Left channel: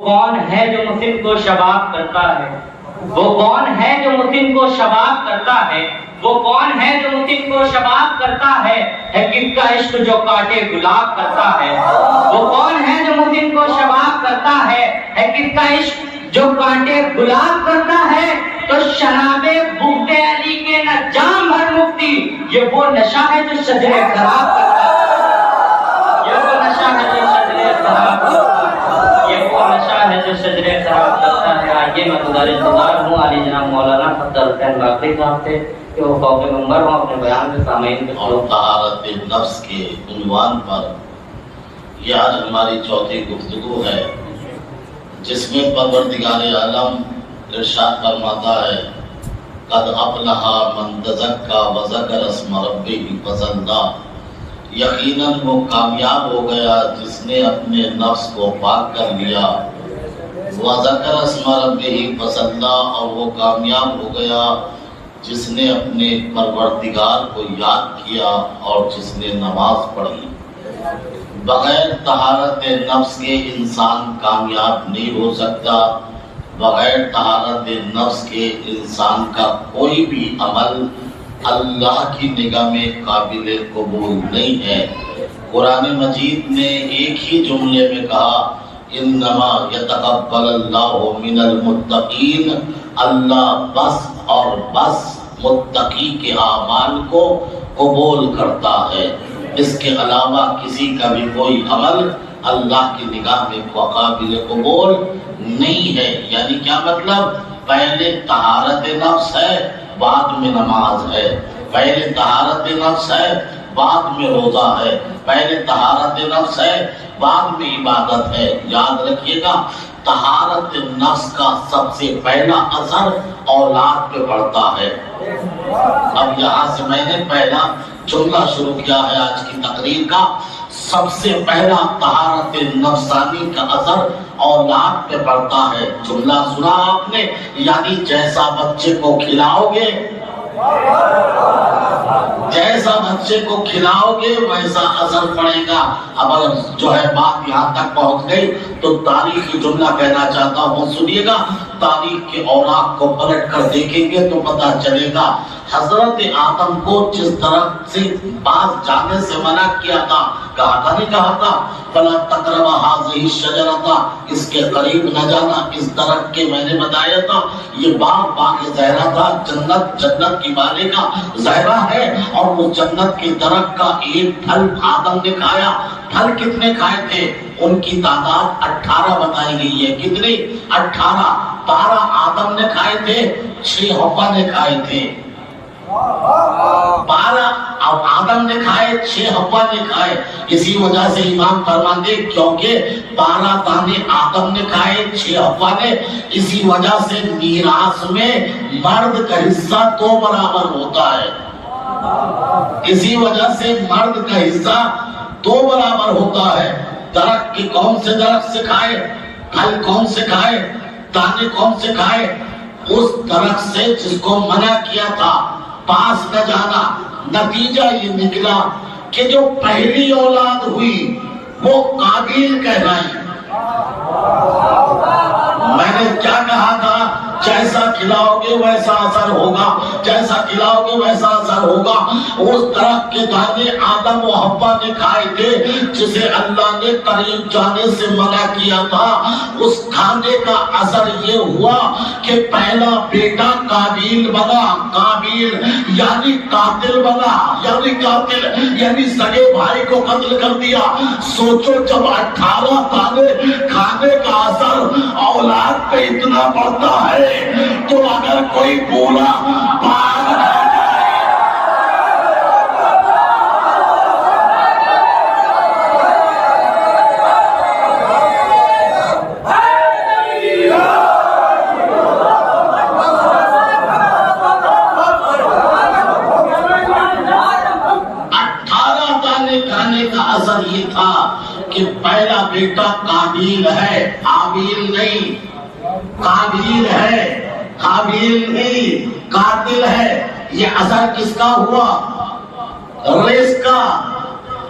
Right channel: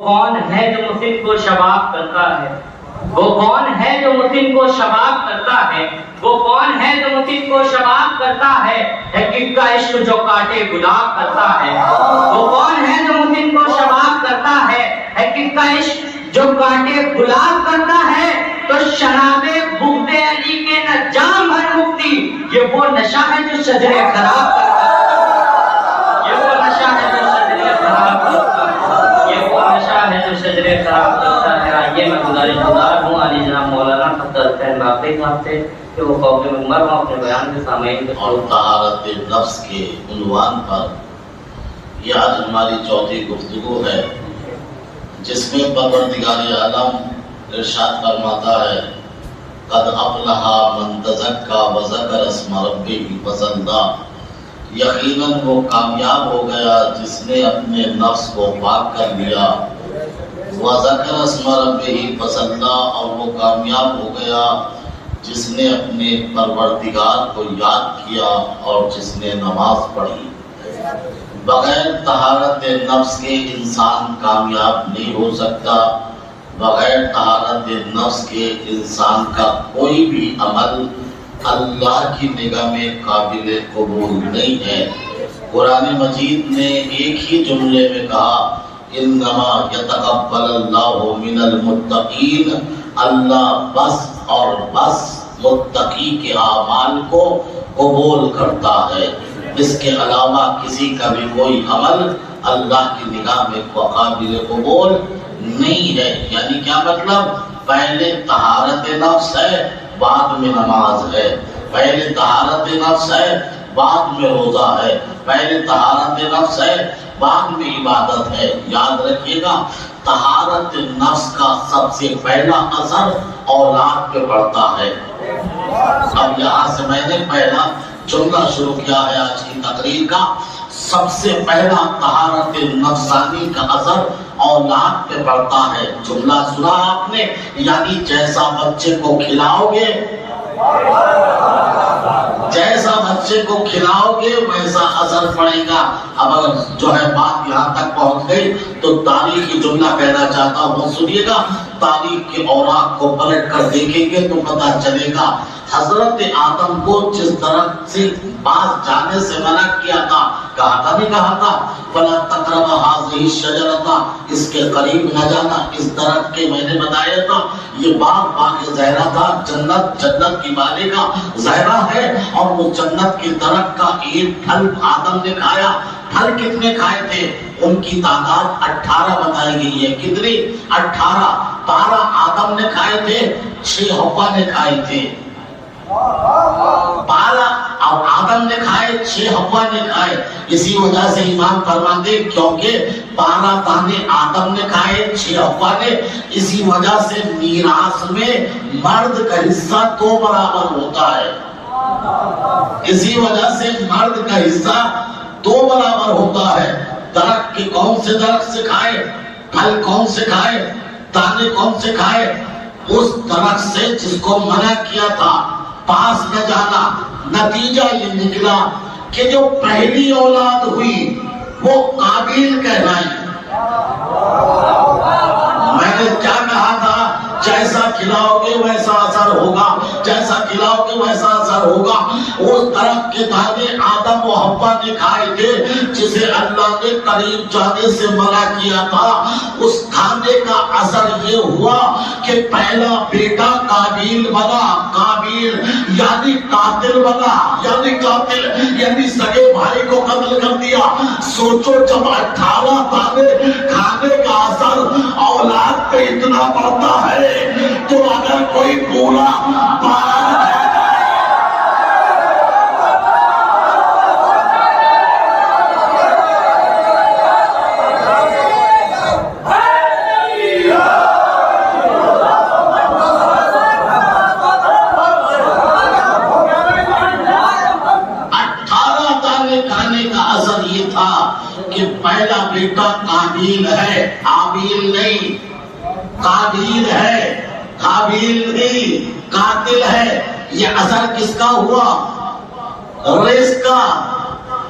کون ہے جو مسلم کو شباب کرتا ہے؟ وہ کون ہے جو مسلم کو شباب کرتا ہے؟ وہ کون ہے جو مسلم کو شباب کرتا ہے؟ کس کا عشق جو کاٹے گلاب کرتا ہے؟ وہ کون ہے جو مسلم کو شباب کرتا ہے؟ کس کا عشق جو کاٹے گلاب کرتا ہے؟ تو شراب بغض علی کے نہ جام بھر مفتی، یہ وہ نشہ ہے جو شجرے خراب کرتا ہے۔ یہ وہ نشہ ہے جو شجرے خراب کرتا ہے۔ یہ وہ نشہ ہے جو شجرے خراب کرتا ہے۔ آئیے میں گزارش گزار ہوں علی جناب مولانا فضل حسین باقی صاحب سے کہ وہ فوق منبر ہوں اپنے بیان کے سامعین کے اور طہارت نفس کے عنوان پر یہ آج ہماری چوتھی گفتگو ہے، جس میں پروردگار عالم ارشاد فرماتا ہے قد افلح من تزکا وذکر اسم ربہ فصلی، یقیناً وہ کامیاب ہو گیا جس نے اپنے نفس کو پاک کر لیا، وذکر اسم ربہ فصلی، اور وہ کامیاب ہو گیا جس نے اپنے پروردگار کو یاد کیا اور جس نے نماز پڑھی۔ بغیر طہارت نفس کے انسان کامیاب نہیں ہو سکتا، بغیر طہارت نفس کے انسان کا کوئی بھی عمل اللہ کی نگاہ میں قابل قبول نہیں ہے۔ قرآن مجید نے ایک ہی جملے میں کہا انما یتقبل اللہ من المتقین، اللہ بس اور بس متقی کے اعمال کو قبول کرتا ہے، اس کے علاوہ کسی کا بھی کوئی عمل اللہ کی نگاہ میں قابل قبول نہیں ہے۔ یعنی کیا مطلب؟ پہلے طہارت نفس ہے، بعد میں نماز ہے، پہلے طہارت نفس ہے، بعد میں روزہ ہے، پہلے طہارت نفس ہے، بعد میں عبادت ہے۔ یاد رکھیے گا، طہارت نفس کا سب سے پہلا اثر اولاد پہ پڑتا ہے۔ اب یہاں سے میں نے پہلا جملہ شروع کیا ہے آج کی تقریر کا، سب سے پہلا طہارت نفسانی کا اثر اولاد پہ پڑتا ہے۔ جملہ سنا آپ نے، یعنی جیسا بچے کو کھلاؤ گے، جیسا بچے کو کھلاؤ گے ویسا اثر پڑے گا۔ اب اگر جو ہے بات یہاں تک پہنچ گئی تو تاریخی جملہ کہنا چاہتا ہوں، سنیے گا، تاریخ کے اوراق کو پلٹ کر دیکھیں گے تو پتہ چلے گا حضرت آدم کو جس طرح سے باز جانے سے منع کیا تھا، کہا تھا نہیں کہا تھا فَلَا تَقْرَبَ هَٰذِهِ الشَّجَرَةَ، اس کے قریب نہ جانا، اس درخت کے میں نے بتایا تھا یہ باغ زہرا تھا، جنت کی والے کا زہرا ہے، اور وہ جنت کے درخت کا ایک پھل آدم نے کھایا۔ پھل کتنے کھائے تھے؟ ان کی تعداد 18 بتائی گئی ہے۔ کتنی؟ 18۔ 12 آدم نے کھائے تھے، 6 حوا نے کھائے تھے۔ 12 آدم نے کھائے، 6 حوا نے کھائے۔ اسی وجہ سے امام فرماتے کیونکہ 12 دانے آدم نے کھائے، 6 حوا نے، اسی وجہ سے میراث میں مرد کا حصہ 2 برابر ہوتا ہے۔ اسی وجہ سے مرد کا حصہ 2 برابر ہوتا ہے۔ درخت کے کون سے درخت سے کھائے؟ پھل کون سے کھائے؟ دانے کون سے کھائے؟ اس درخت سے جس کو منع کیا تھا، پاس نہ جانا۔ نتیجہ یہ نکلا کہ جو پہلی اولاد ہوئی وہ قابیل کہلائی۔ میں نے کیا کہا تھا؟ جیسا کھلاؤ گے ویسا اثر ہوگا، جیسا کھلاؤ گے ویسا اثر ہوگا۔ اس درخت کے دانے آدم و حوا نے کھائے تھے جسے اللہ نے قریب جانے سے منع کیا تھا۔ اس کھانے کا اثر یہ ہوا کہ پہلا بیٹا قابیل بنا، قابیل یعنی قاتل بنا، یعنی قاتل یعنی سگے بھائی کو قتل کر دیا۔ سوچو جب 18 دانے کھانے کا اثر اولاد پہ اتنا پڑتا ہے تو اگر کوئی بولا باغ ہے کہ پہلا بیٹا قابیل ہے، حابیل نہیں، قابیل ہے، حابیل نہیں، قاتل ہے۔ یہ اثر کس کا ہوا؟ ریس کا۔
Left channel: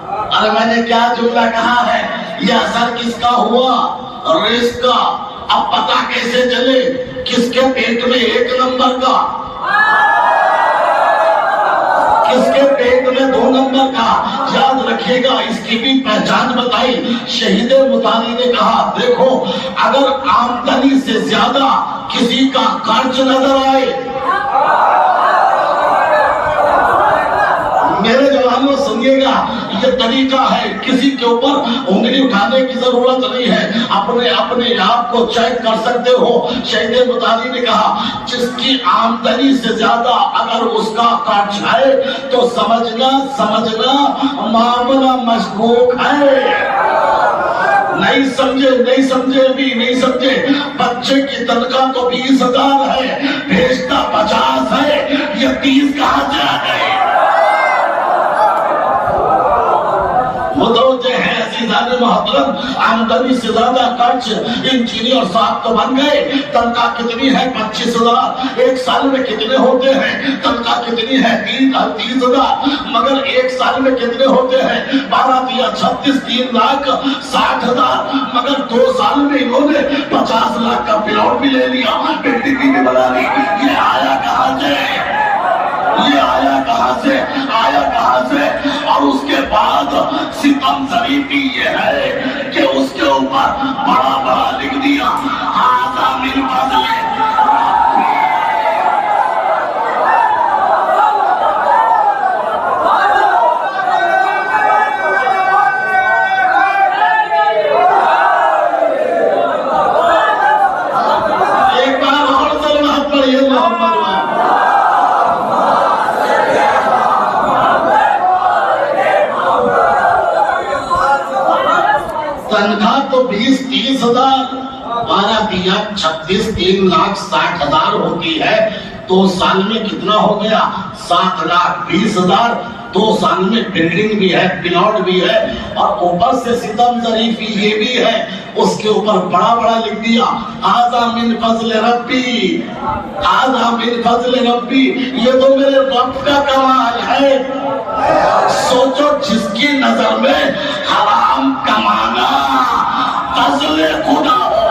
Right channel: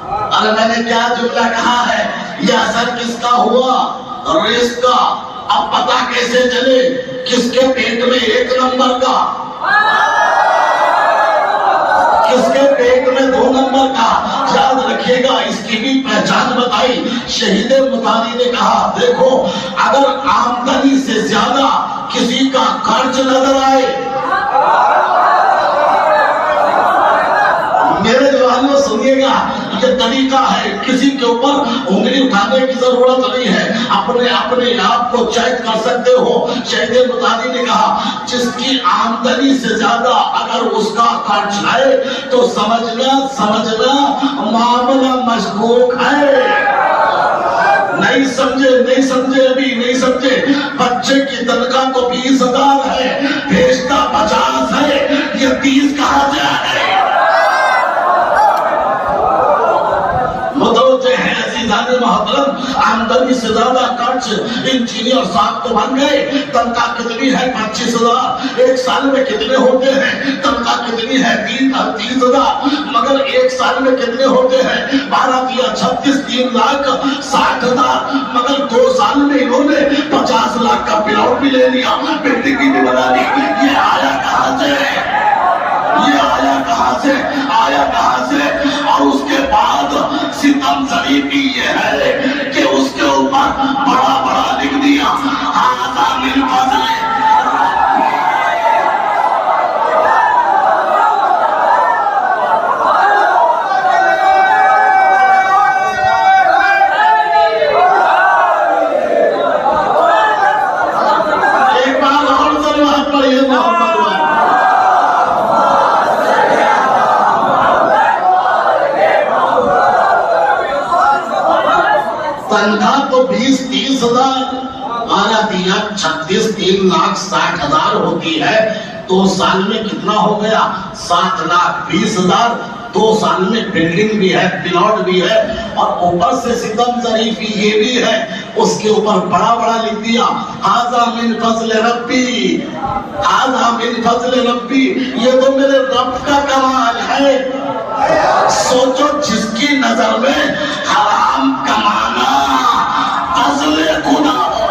اور میں نے کیا جملہ کہا ہے؟ یہ اثر کس کا ہوا؟ رزق کا اب پتہ کیسے چلے کس کے پیٹ میں 1 نمبر کا، کس کے پیٹ میں 2 نمبر کا؟ یاد رکھیے گا، اس کی بھی پہچان بتائی شہید مطاری نے کہا دیکھو اگر آمدنی سے زیادہ کسی کا خرچ نظر آئے، میرے جوانوں سنیے گا یہ طریقہ ہے، کسی کے اوپر انگلی اٹھانے کی ضرورت نہیں ہے، اپنے آپ کو چیک کر سکتے ہو۔ شہید مطاری نے کہا جس کی آمدنی سے زیادہ اگر اس کا خرچ ہے تو سمجھنا معاملہ مشکوک ہے۔ نہیں سمجھے بھی نہیں سمجھے، بچے کی تنخواہ تو 20,000 ہے، بھیجتا 50 ہے، یہ 30 کہاں سے ہے؟ متوجہ ہے عزیزان محترم، آمدنی سے زیادہ خرچ، انجینئر صاحب تو بن گئے، تنخواہ کتنی ہے 25,000، 1 سال میں کتنے ہوتے ہیں؟ تنخواہ کتنی ہے 30,000، مگر 1 سال میں کتنے ہوتے ہیں؟ 12 × 36 3,60,000، مگر 2 سال میں انہوں نے 50 لاکھ کا پلاٹ بھی لے لیا، بلڈنگ بھی بنا لی۔ یہ آیا کہاں سے؟ آیا کہاں سے؟ اور اس کے بعد ستم ظریفی یہ ہے کہ اس کے اوپر بڑا لکھ دیا ھذا من فضل ایک بار اور سلوات پڑھیے محمد تنخواہ تو 20-30,000، 12×36 3,60,000 ہوتی ہے، 2 سال میں کتنا ہو گیا؟ 7,20,000۔ 2 سال میں بلڈنگ بھی ہے، پلاٹ بھی ہے، اور اوپر سے ستم ظریفی یہ بھی ہے، اس کے اوپر بڑا لکھ دیا ھذا من فضل ربی، ھذا من فضل ربی، یہ تو میرے رب کا کمال ہے۔ سوچو جس کی نظر میں حرام کمانا فضل خدا ہو،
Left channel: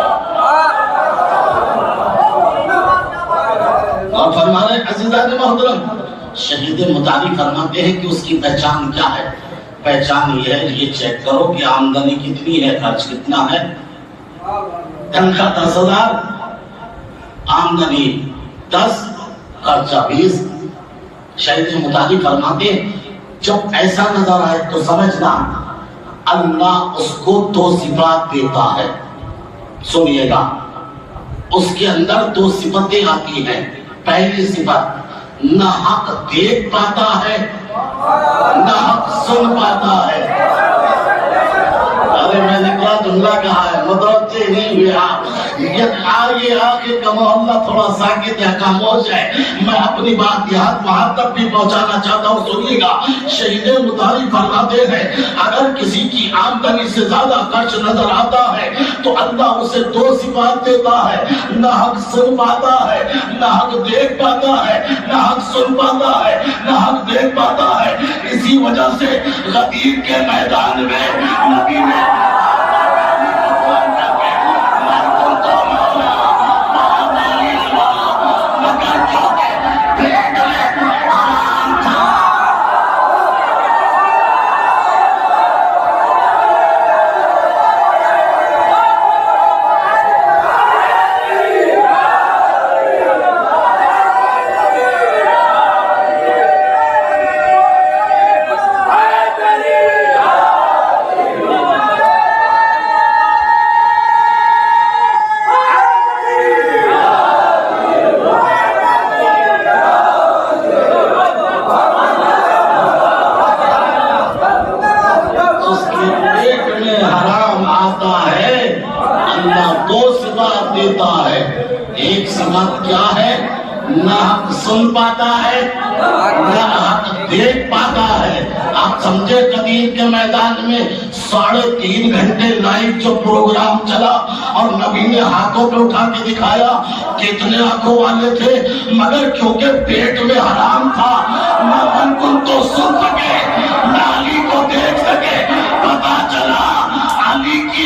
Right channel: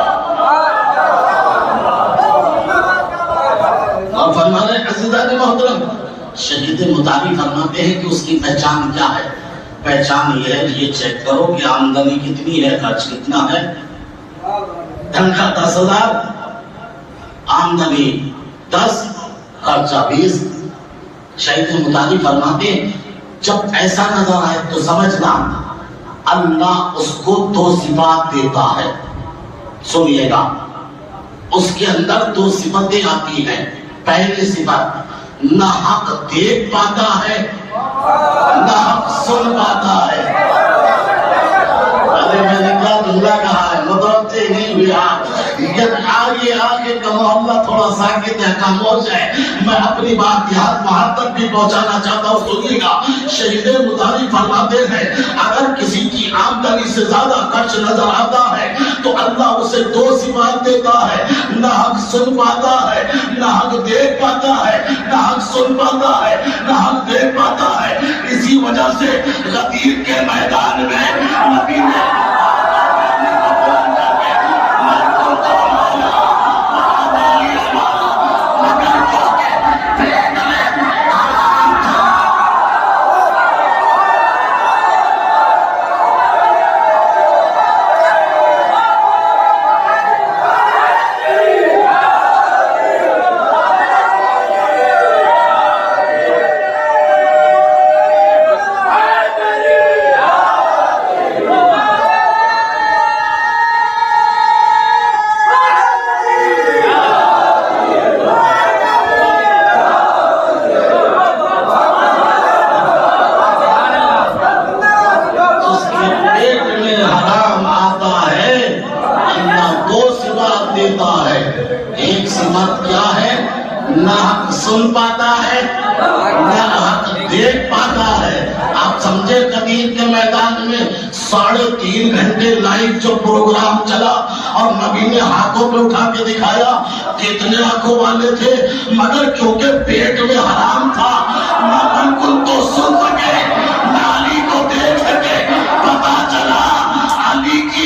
اور فرمانے عزیزان محترم شہید مطاری فرماتے ہیں کہ اس کی پہچان کیا ہے؟ پہچان یہ ہے، یہ چیک کرو کہ آمدنی کتنی ہے، خرچ کتنا ہے۔ تنخواہ 10,000، آمدنی 10، خرچہ 20۔ شہید مطاری فرماتے ہیں جب ایسا نظر آئے تو سمجھنا اللہ اس کو 2 صفات دیتا ہے۔ سنیے گا، اس کے اندر 2 صفتیں آتی ہیں۔ پہلی صفت، نہ حق دیکھ پاتا ہے نہ حق سن پاتا ہے۔ ارے میں نے کیا جملہ کہا ہے، متوجہ نہیں ہوئے آپ؟ یہ آگے کا محلہ تھوڑا ساکت ہے، خاموش ہے، میں اپنی بات وہاں تک بھی پہنچانا چاہتا ہوں۔ سنیے گا، شہید مطاری فرماتے ہیں اگر کسی کی آمدنی سے زیادہ خرچ نظر آتا ہے تو اللہ اسے 2 صفات دیتا ہے، نہ حق سن پاتا ہے نہ حق دیکھ پاتا ہے، نہ حق سن پاتا ہے نہ حق دیکھ پاتا ہے۔ اسی وجہ سے غدیر کے میدان میں نبی نے سن پاتا ہے نہ حق دیکھ پاتا ہے۔ آپ سمجھے قدیر کے میدان میں 3.5 گھنٹے لائیو جو پروگرام چلا اور نبی نے ہاتھوں پہ اٹھا کے دکھایا، کتنے آنکھوں والے تھے، مگر کیونکہ پیٹ میں حرام تھا نہ بالکل تو سن سکے نہ علی کو دیکھ سکے۔ پتا چلا علی کی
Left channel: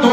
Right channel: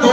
2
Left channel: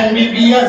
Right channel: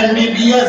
MBBS।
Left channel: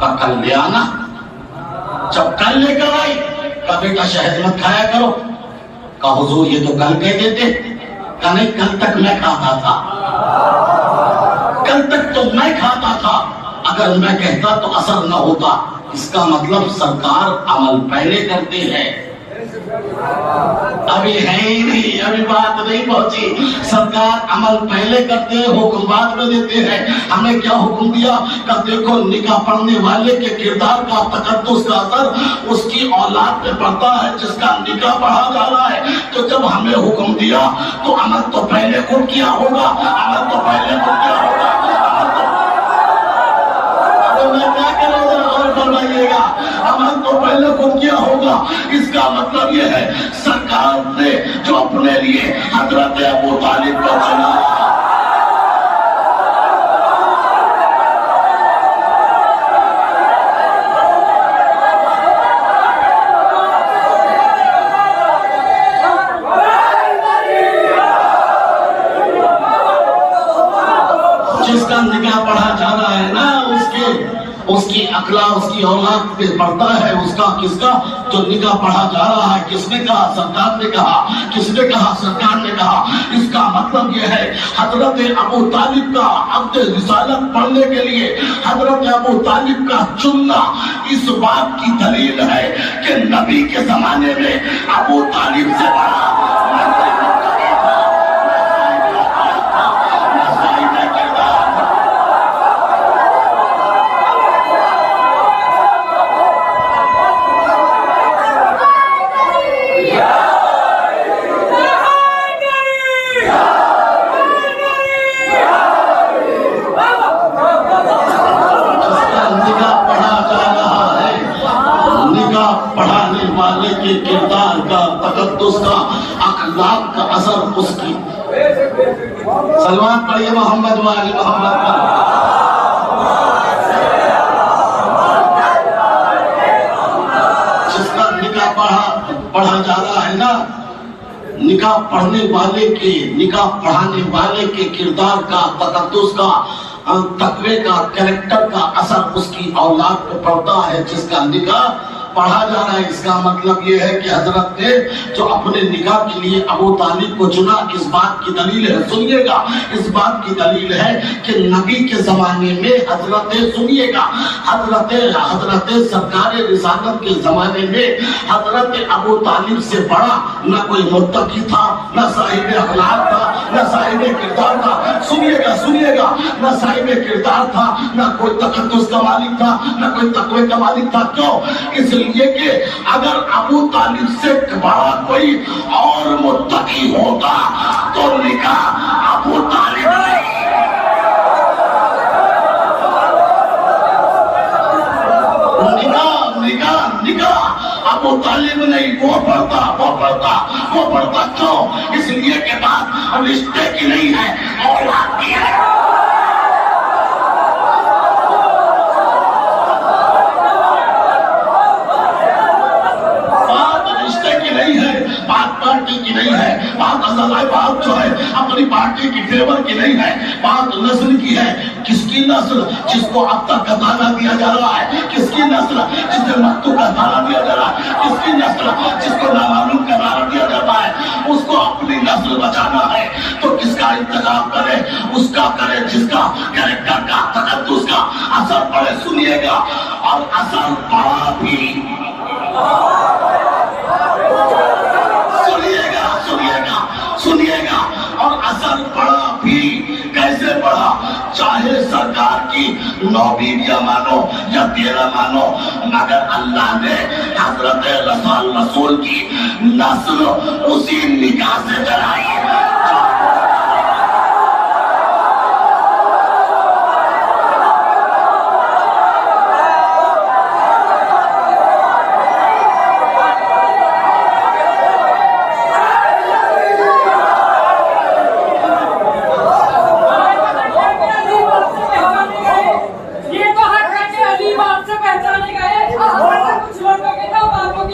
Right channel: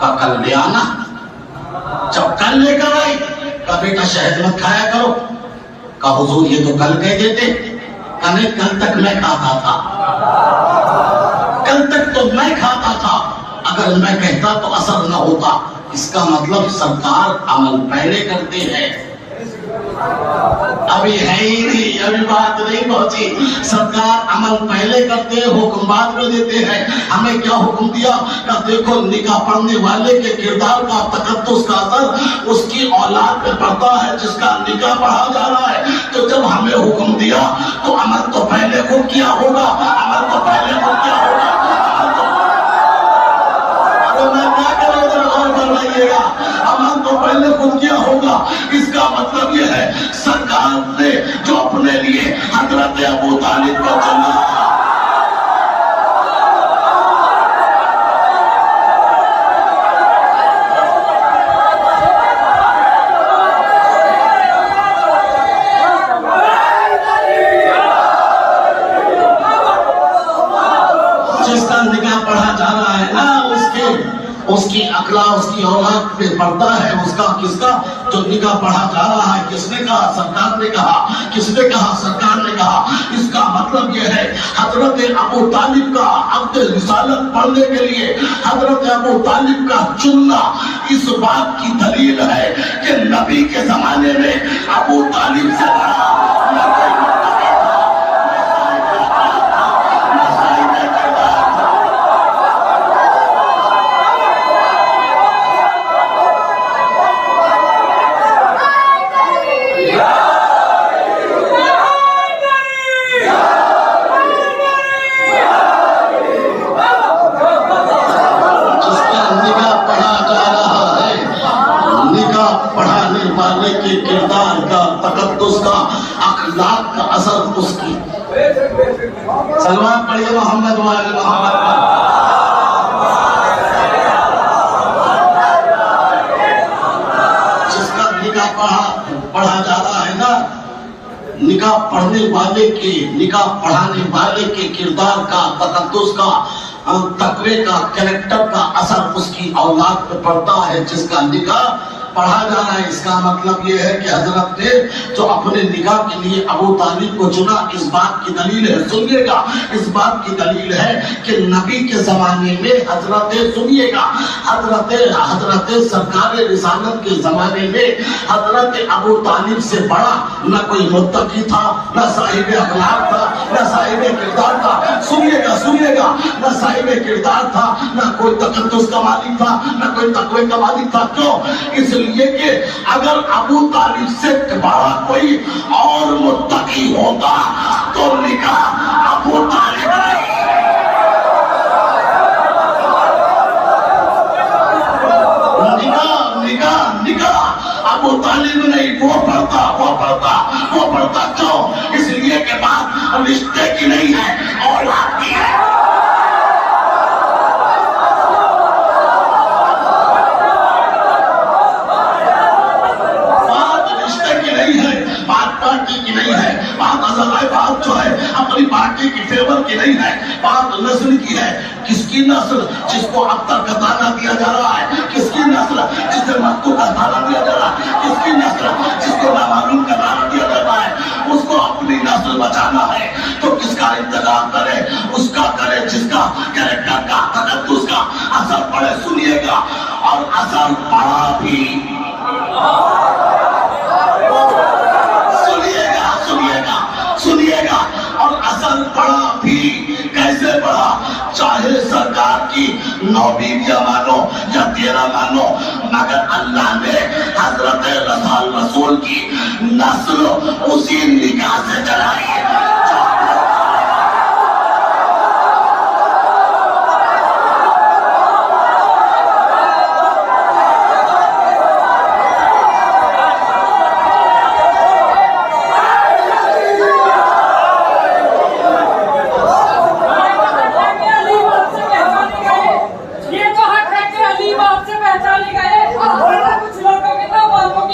کا کل لے آنا. جب کل لے کر آئی کہا بیٹا شہد مت کھایا کرو. کہا حضور یہ تو کل کہہ دیتے. کہا نہیں کل تک میں کھاتا تھا, کل تک تو میں کھاتا تھا, اگر میں کہتا تو اثر نہ ہوتا. اس کا مطلب سرکار عمل پہلے کرتے ہیں. ابھی ہے ہی نہیں, ابھی بات نہیں پہنچی. سرکار عمل پہلے کرتے ہیں, حکم بعد میں دیتے ہیں. ہمیں کیا حکم دیا کہ دیکھو نکاح پڑھنے والے کے کردار کا تقدس کا اثر اس کی اولاد پہ پڑتا ہے جس کا نکاح پڑھا جا رہا ہے. تو جب ہمیں حکم دیا تو عمل تو پہلے خود کیا ہوگا, عمل تو پہلے خود کیا ہوگا. میں کیا کروں ذرا غور فرمائیے گا, عمل تو پہلے خود کیا ہوگا. اس کا مطلب یہ ہے سرکار نے جو اپنے لیے حضرت ابو طالب کو چنا, جس کا نکاح پڑھا جا رہا ہے نا اس کی اقلا اس کی اولاد پہ پڑتا ہے. اس کا کس کا جو نکاح پڑھا جا رہا ہے, کس نے کہا سرکار نے کہا, کس نے کہا سرکار نے کہا. اس کا مطلب یہ ہے حضرت ابو طالب کا عقد رسالت پڑھنے کے لیے حضرت ابو طالب کا چننا اس بات کی دلیل ہے کہ نبی کے زمانے میں ابو طالب سے بڑا کے کردار کا تقدس کا اخلاق کا اثر اس کی. سلوات پڑھیے محمد وآل محمد پر. جس کا نکاح پڑھا جا رہا ہے نا, نکاح پڑھنے والے کے نکاح پڑھانے والے کے کردار کا تقدس کا تقوی کا کریکٹر کا اثر اس کی اولاد پہ پڑتا ہے جس کا نکاح پڑھا جا رہا ہے. اس کا مطلب یہ ہے کہ حضرت نے جو اپنے نکاح کے لیے ابو طالب کو چنا, اس بات کی دلیل ہے, سنیے گا, اس بات کی دلیل ہے کہ نبی کے زمانے میں حضرت سنیے گا حضرت سرکار رسالت کے زمانے میں حضرت ابو طالب سے بڑا نہ کوئی متقی تھا, نہ صاحب اخلاق تھا, نہ صاحب کردار تھا. سنیے گا نہ صاحب کردار تھا, نہ کوئی تقدس کا مالک تھا, نہ کوئی تقوی کا مالک تھا. کیوں؟ اس لیے کہ اگر ابو طالب سے بڑا کوئی اور متقی ہوتا تو نکاح ابو طالب نہیں. نکاح ابو طالب نہیں, وہ پڑھتا. کیوں؟ اس لیے کہ بات رشتے کی نہیں ہے, اولاد کی ہے. پارٹی کی نہیں ہے, بات ازلائے بات جو ہے اپنی پارٹی کی فیور کی نہیں ہے, بات نسل کی ہے. کس کی نسل؟ جس کو اب تک کا دانا دیا جا رہا ہے. کس کی نسل؟ جسے مکتوب کا دانا دیا جا رہا ہے. کس کی نسل؟ جس کو نامعلوم کا دانا دیا جاتا ہے. اس کو اپنی نسل بچانا ہے تو کس کا انتخاب کرے؟ اس کا کرے جس کا کریکٹر کا تقدس کا اثر پڑے. سنیے گا, اور اثر پڑا بھی. سنیے گا, اور اثر پڑا بھی. کیسے پڑا؟ چاہے سرکار کی 9 بیویاں مانو یا 13 مانو, مگر اللہ نے حضرت رسول کی نسل اسی نکاح سے چلائی.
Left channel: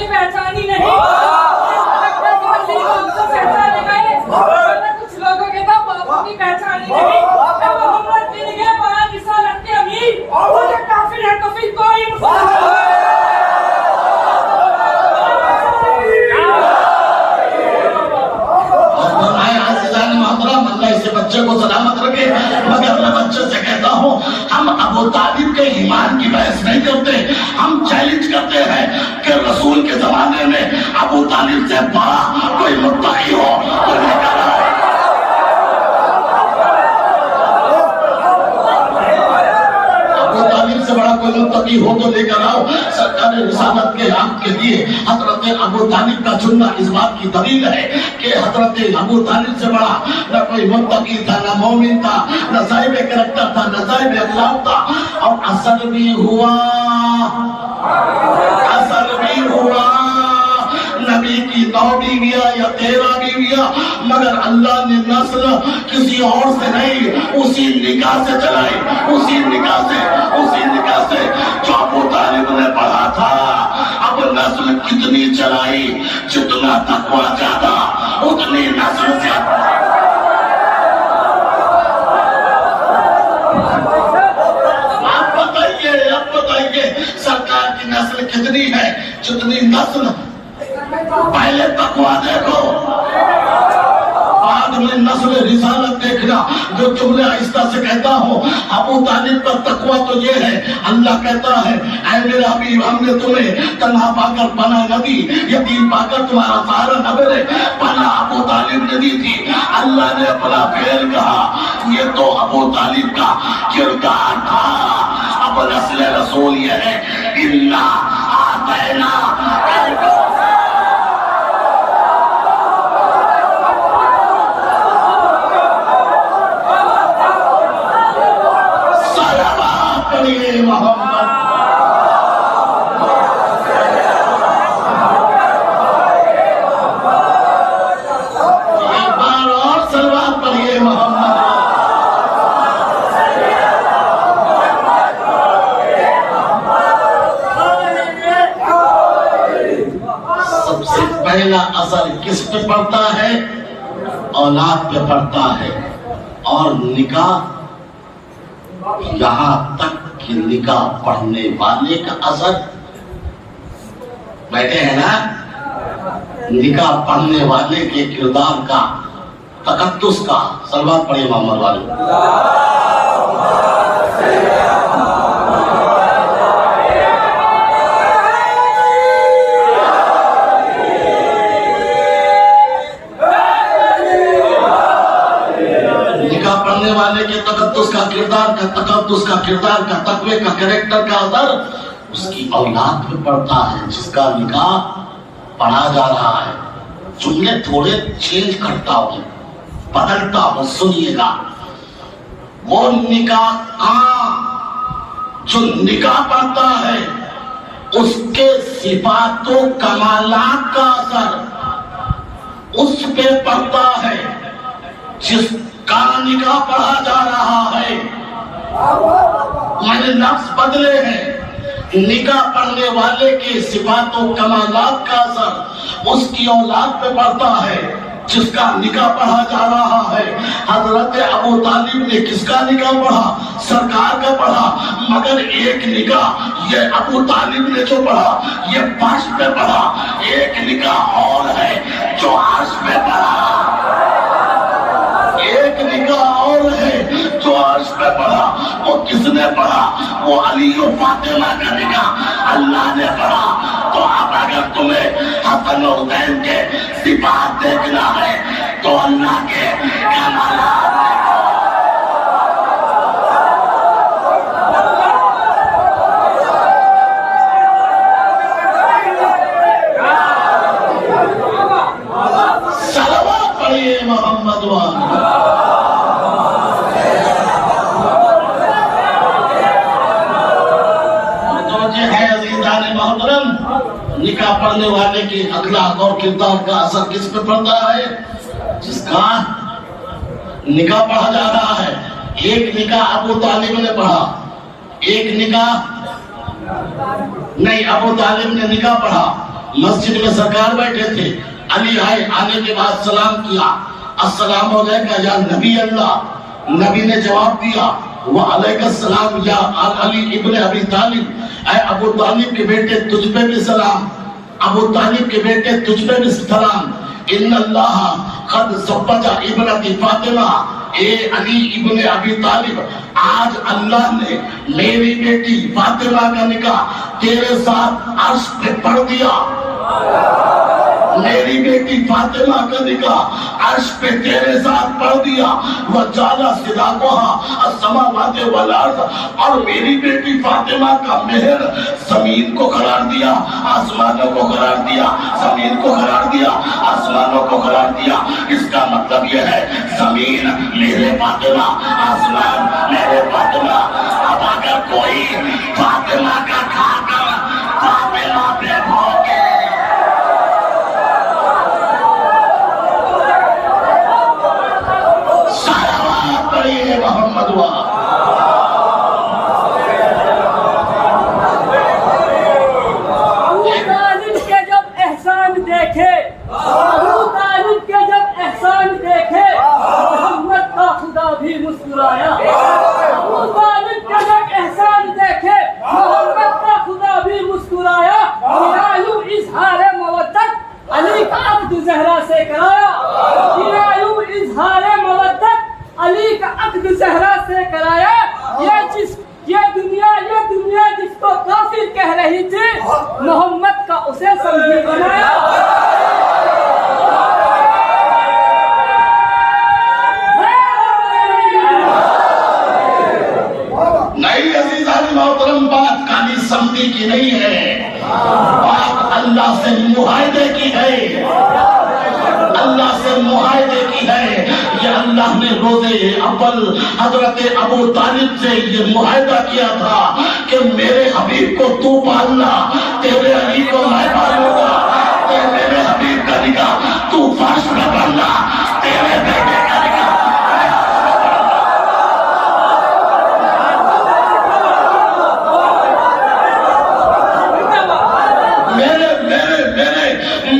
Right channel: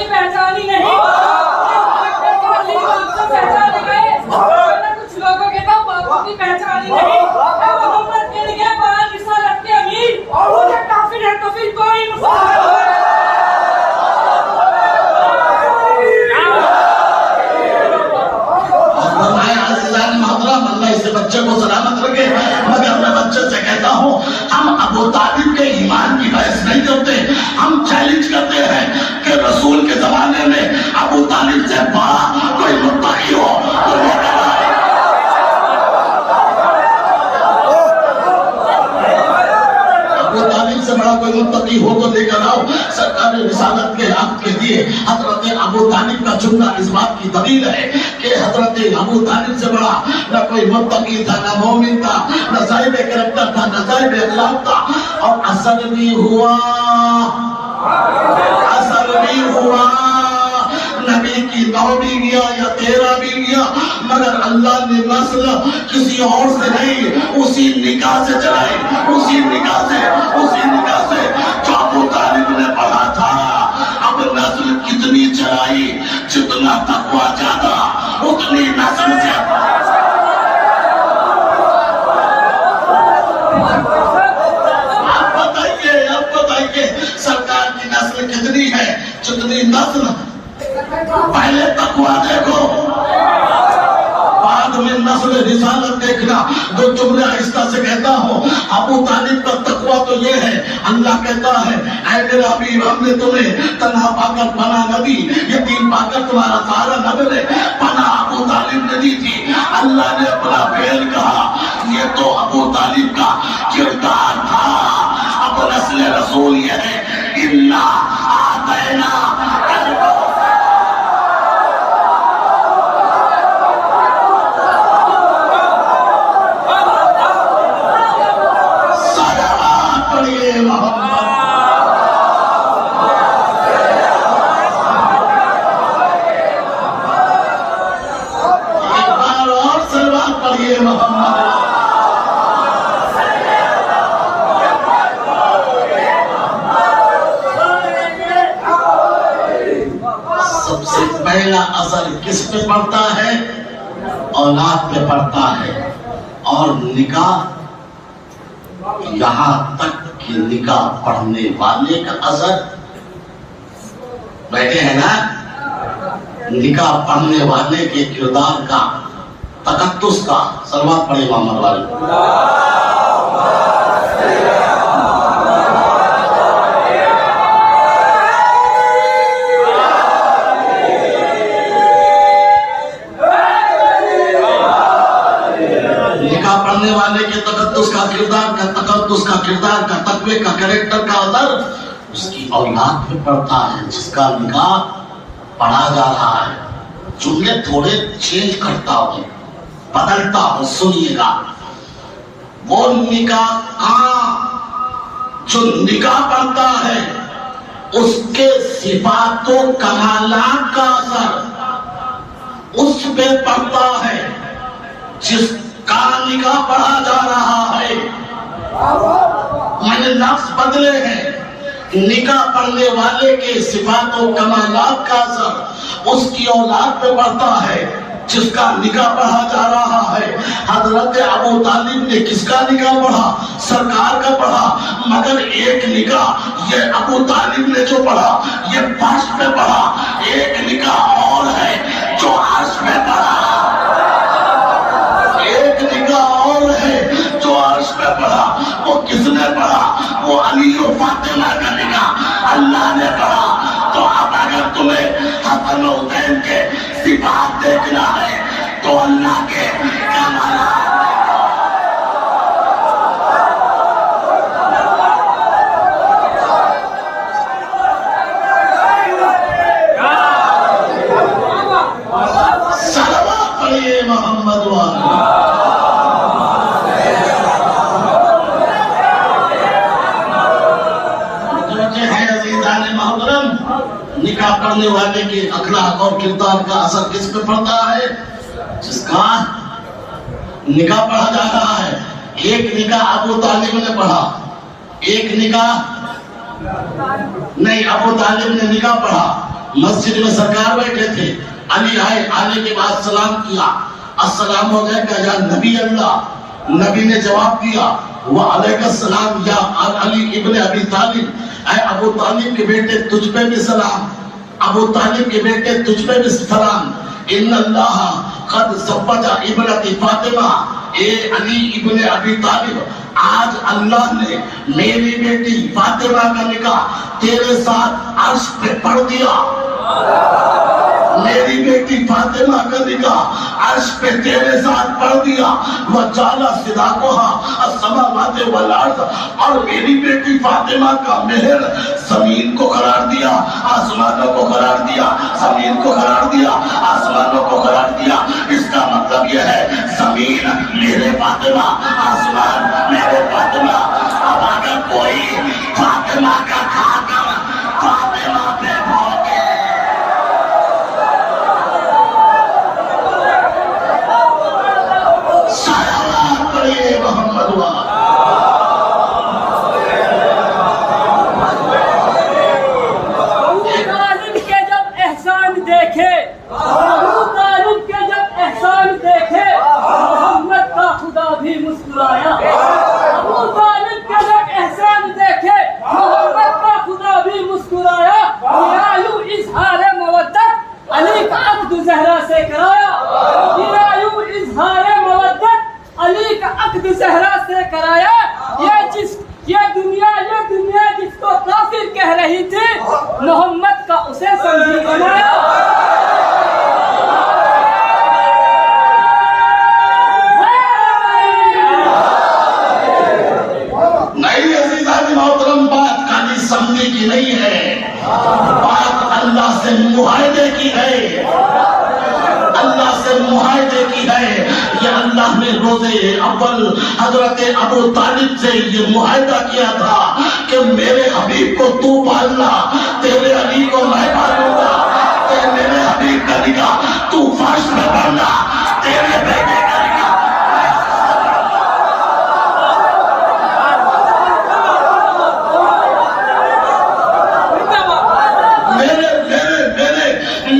پہچانی نہیں, پہچانے گئے. بچے کو سلامت رکھے، مگر میں بچے سے کہتا ہوں ہم ابو طالب کے ایمان کی بحث نہیں کرتے، ہم چیلنج کرتے ہیں کہ رسول کے زمانے میں ابو طالب سے بڑا کوئی متقی ہو تو وہ کرائے۔ سے بڑا کوئی متقی ہو تو لے کر آؤ۔ سرکار رسالت کے عہد کے لیے حضرت ابو طالب کا چننا اس بات کی دلیل ہے کہ حضرت ابو طالب سے بڑا نہ کوئی متقی تھا، نہ مومن تھا، نہ صاحب کریکٹر تھا، نہ صاحب اخلاق تھا۔ اور اثر بھی ہوا، اثر بھی ہوا، نبی کی 9 بیویاں یا 13 بیویاں، مگر اللہ نے نسل کسی اور سے نہیں، اسی نکاح سے چلائی، اسی نکاح سے جو ابو طالب نے پڑھا تھا۔ اب نسل کتنی چلائی، جتنا تقوی زیادہ اتنی نسل زیادہ۔ آپ بتائیے سرکار کی نسل کتنی ہے، جتنی نسل پہلے تقوی دیکھو بعد میں نسل رسالت دیکھنا۔ جو جملے آہستہ سے کہتا ہوں، ابو طالب کا تقوی تو یہ ہے، اللہ کہتا ہے اے میرا حبیب ہم نے تمہیں تنہا پا کر پناہ نہ دی، یتیم پا کر تمہارا سہارا نہ ملے، پناہ ابو طالب نے دی تھی۔ اللہ نے اپنا فعل کہا، یہ تو ابو طالب کا کردار تھا۔ اب نسل رسول یہ ہے، اِنَّا آتَيْنَا پہلا اثر کس پہ پڑتا ہے؟ اولاد پہ پڑتا ہے۔ اور نکاح، یہاں تک کہ نکاح پڑھنے والے کا اثر، بیٹھے ہیں نا، نکاح پڑھنے والے کے کردار کا، تقدس کا، صلوات پڑھے محمد والے۔ پڑھنے والے کے تقدس کا کردار کا تقوی کا کریکٹر کا اثر اس کی اولاد پہ پڑتا ہے، جس کا نکاح پڑھا جا رہا ہے۔ جملے تھوڑے چینج کرتا ہوں، بدلتا ہوں، سنیے گا۔ وہ نکاح جو نکاح پڑھتا ہے اس کے صفات و کمالات کا اثر اس پہ پڑتا ہے جس کا نکاح پڑھا جا رہا ہے۔ میں نے لفظ بدلے ہیں۔ نکاح پڑھنے والے کے صفات و کمالات کا اثر اس کی اولاد پہ پڑتا ہے جس کا نکاح پڑھا جا رہا ہے۔ حضرت ابو طالب نے کس کا نکاح پڑھا؟ سرکار کا پڑھا، مگر ایک نکاح یہ ابو طالب نے جو پڑھا یہ فرش پہ پڑھا، ایک نکاح اور ہے جو عرش پہ پڑھا، ایک نکاح اور ہے جو عرش پہ پڑھا۔ وہ کس نے پڑھا؟ وہ علی و فاطمہ کا نکاح اللہ نے پڑھا۔ تو اب اگر تمہیں حسن و حسین کے صفات دیکھنا ہے تو اللہ کے کمالات صلوات پڑھیے محمد والے۔ نکاح پڑھنے والے کے اخلاق اور کردار کا اثر کس پہ پڑتا ہے؟ جس کا نکاح پڑھا جا رہا ہے۔ ایک نکاح ابو طالب نے پڑھا، ایک نکاح نہیں، ابو طالب نے نکاح پڑھا، مسجد میں سرکار بیٹھے تھے، علی آئے، آنے کے بعد سلام کیا، السلام علیکم یا نبی اللہ۔ نبی نے جواب دیا وعلیکم السلام یا علی ابن ابی طالب، اے ابو طالب کے بیٹے تجھ پہ بھی سلام، ابو طالب کے بیٹے تجھ پہ بھی سلام۔ ان اللہ قد زوج ابنتی فاطمہ اے علی ابن ابی طالب، آج اللہ نے میری بیٹی فاطمہ کا نکاح تیرے ساتھ عرش پہ پڑھ دیا. میری بیٹی فاطمہ کا نکاح عرش پہ تیرے ساتھ پڑھ دیا. وَجَعَلَ صِدَاقُهَا السَّمَاوَاتِ وَالْأَرْضِ، اور میری بیٹی فاطمہ کا مہر زمین کو قرار دیا، آسمانوں کو قرار دیا، زمین کو قرار دیا، آسمانوں کو قرار دیا. اس کا مطلب یہ ہے زمین میرے فاطمہ، آسمان میرے فاطمہ. اب اگر کوئی فاطمہ کا کھا کر فاطمہ پہ بھوکے، صلوات پڑھیے محمد وہاں. ابو طالب کے جب احسان دیکھے، ابو طالب کے جب احسان دیکھے، محمد کا خدا بھی مسکرایا. ابو طالب کے جب احسان دیکھے، محمد کا خدا بھی مسکرایا. یوں اظہار مودت علی کا عقد زہرا سے کرایا. یوں اظہار مودت علی کا عقد زہرا سے کرایا. یہ دنیا جس کو کافر کہہ رہی تھی، محمد کا اسے سنگی بنایا. نہیں عزیزان محترم، بات خالی سمجھنے کی نہیں ہے، بات اللہ سے معاہدے کی ہے، اللہ سے معاہدے کی ہے. یہ اللہ نے روزے اول حضرت ابو طالب سے یہ معاہدہ کیا تھا کہ میرے حبیب کو تو پالنا، تیرے علی کو میں پالوں گا. میرے حبیب کا نکاح تو فرش میں پڑھنا، تیرے بیٹے کا نکاح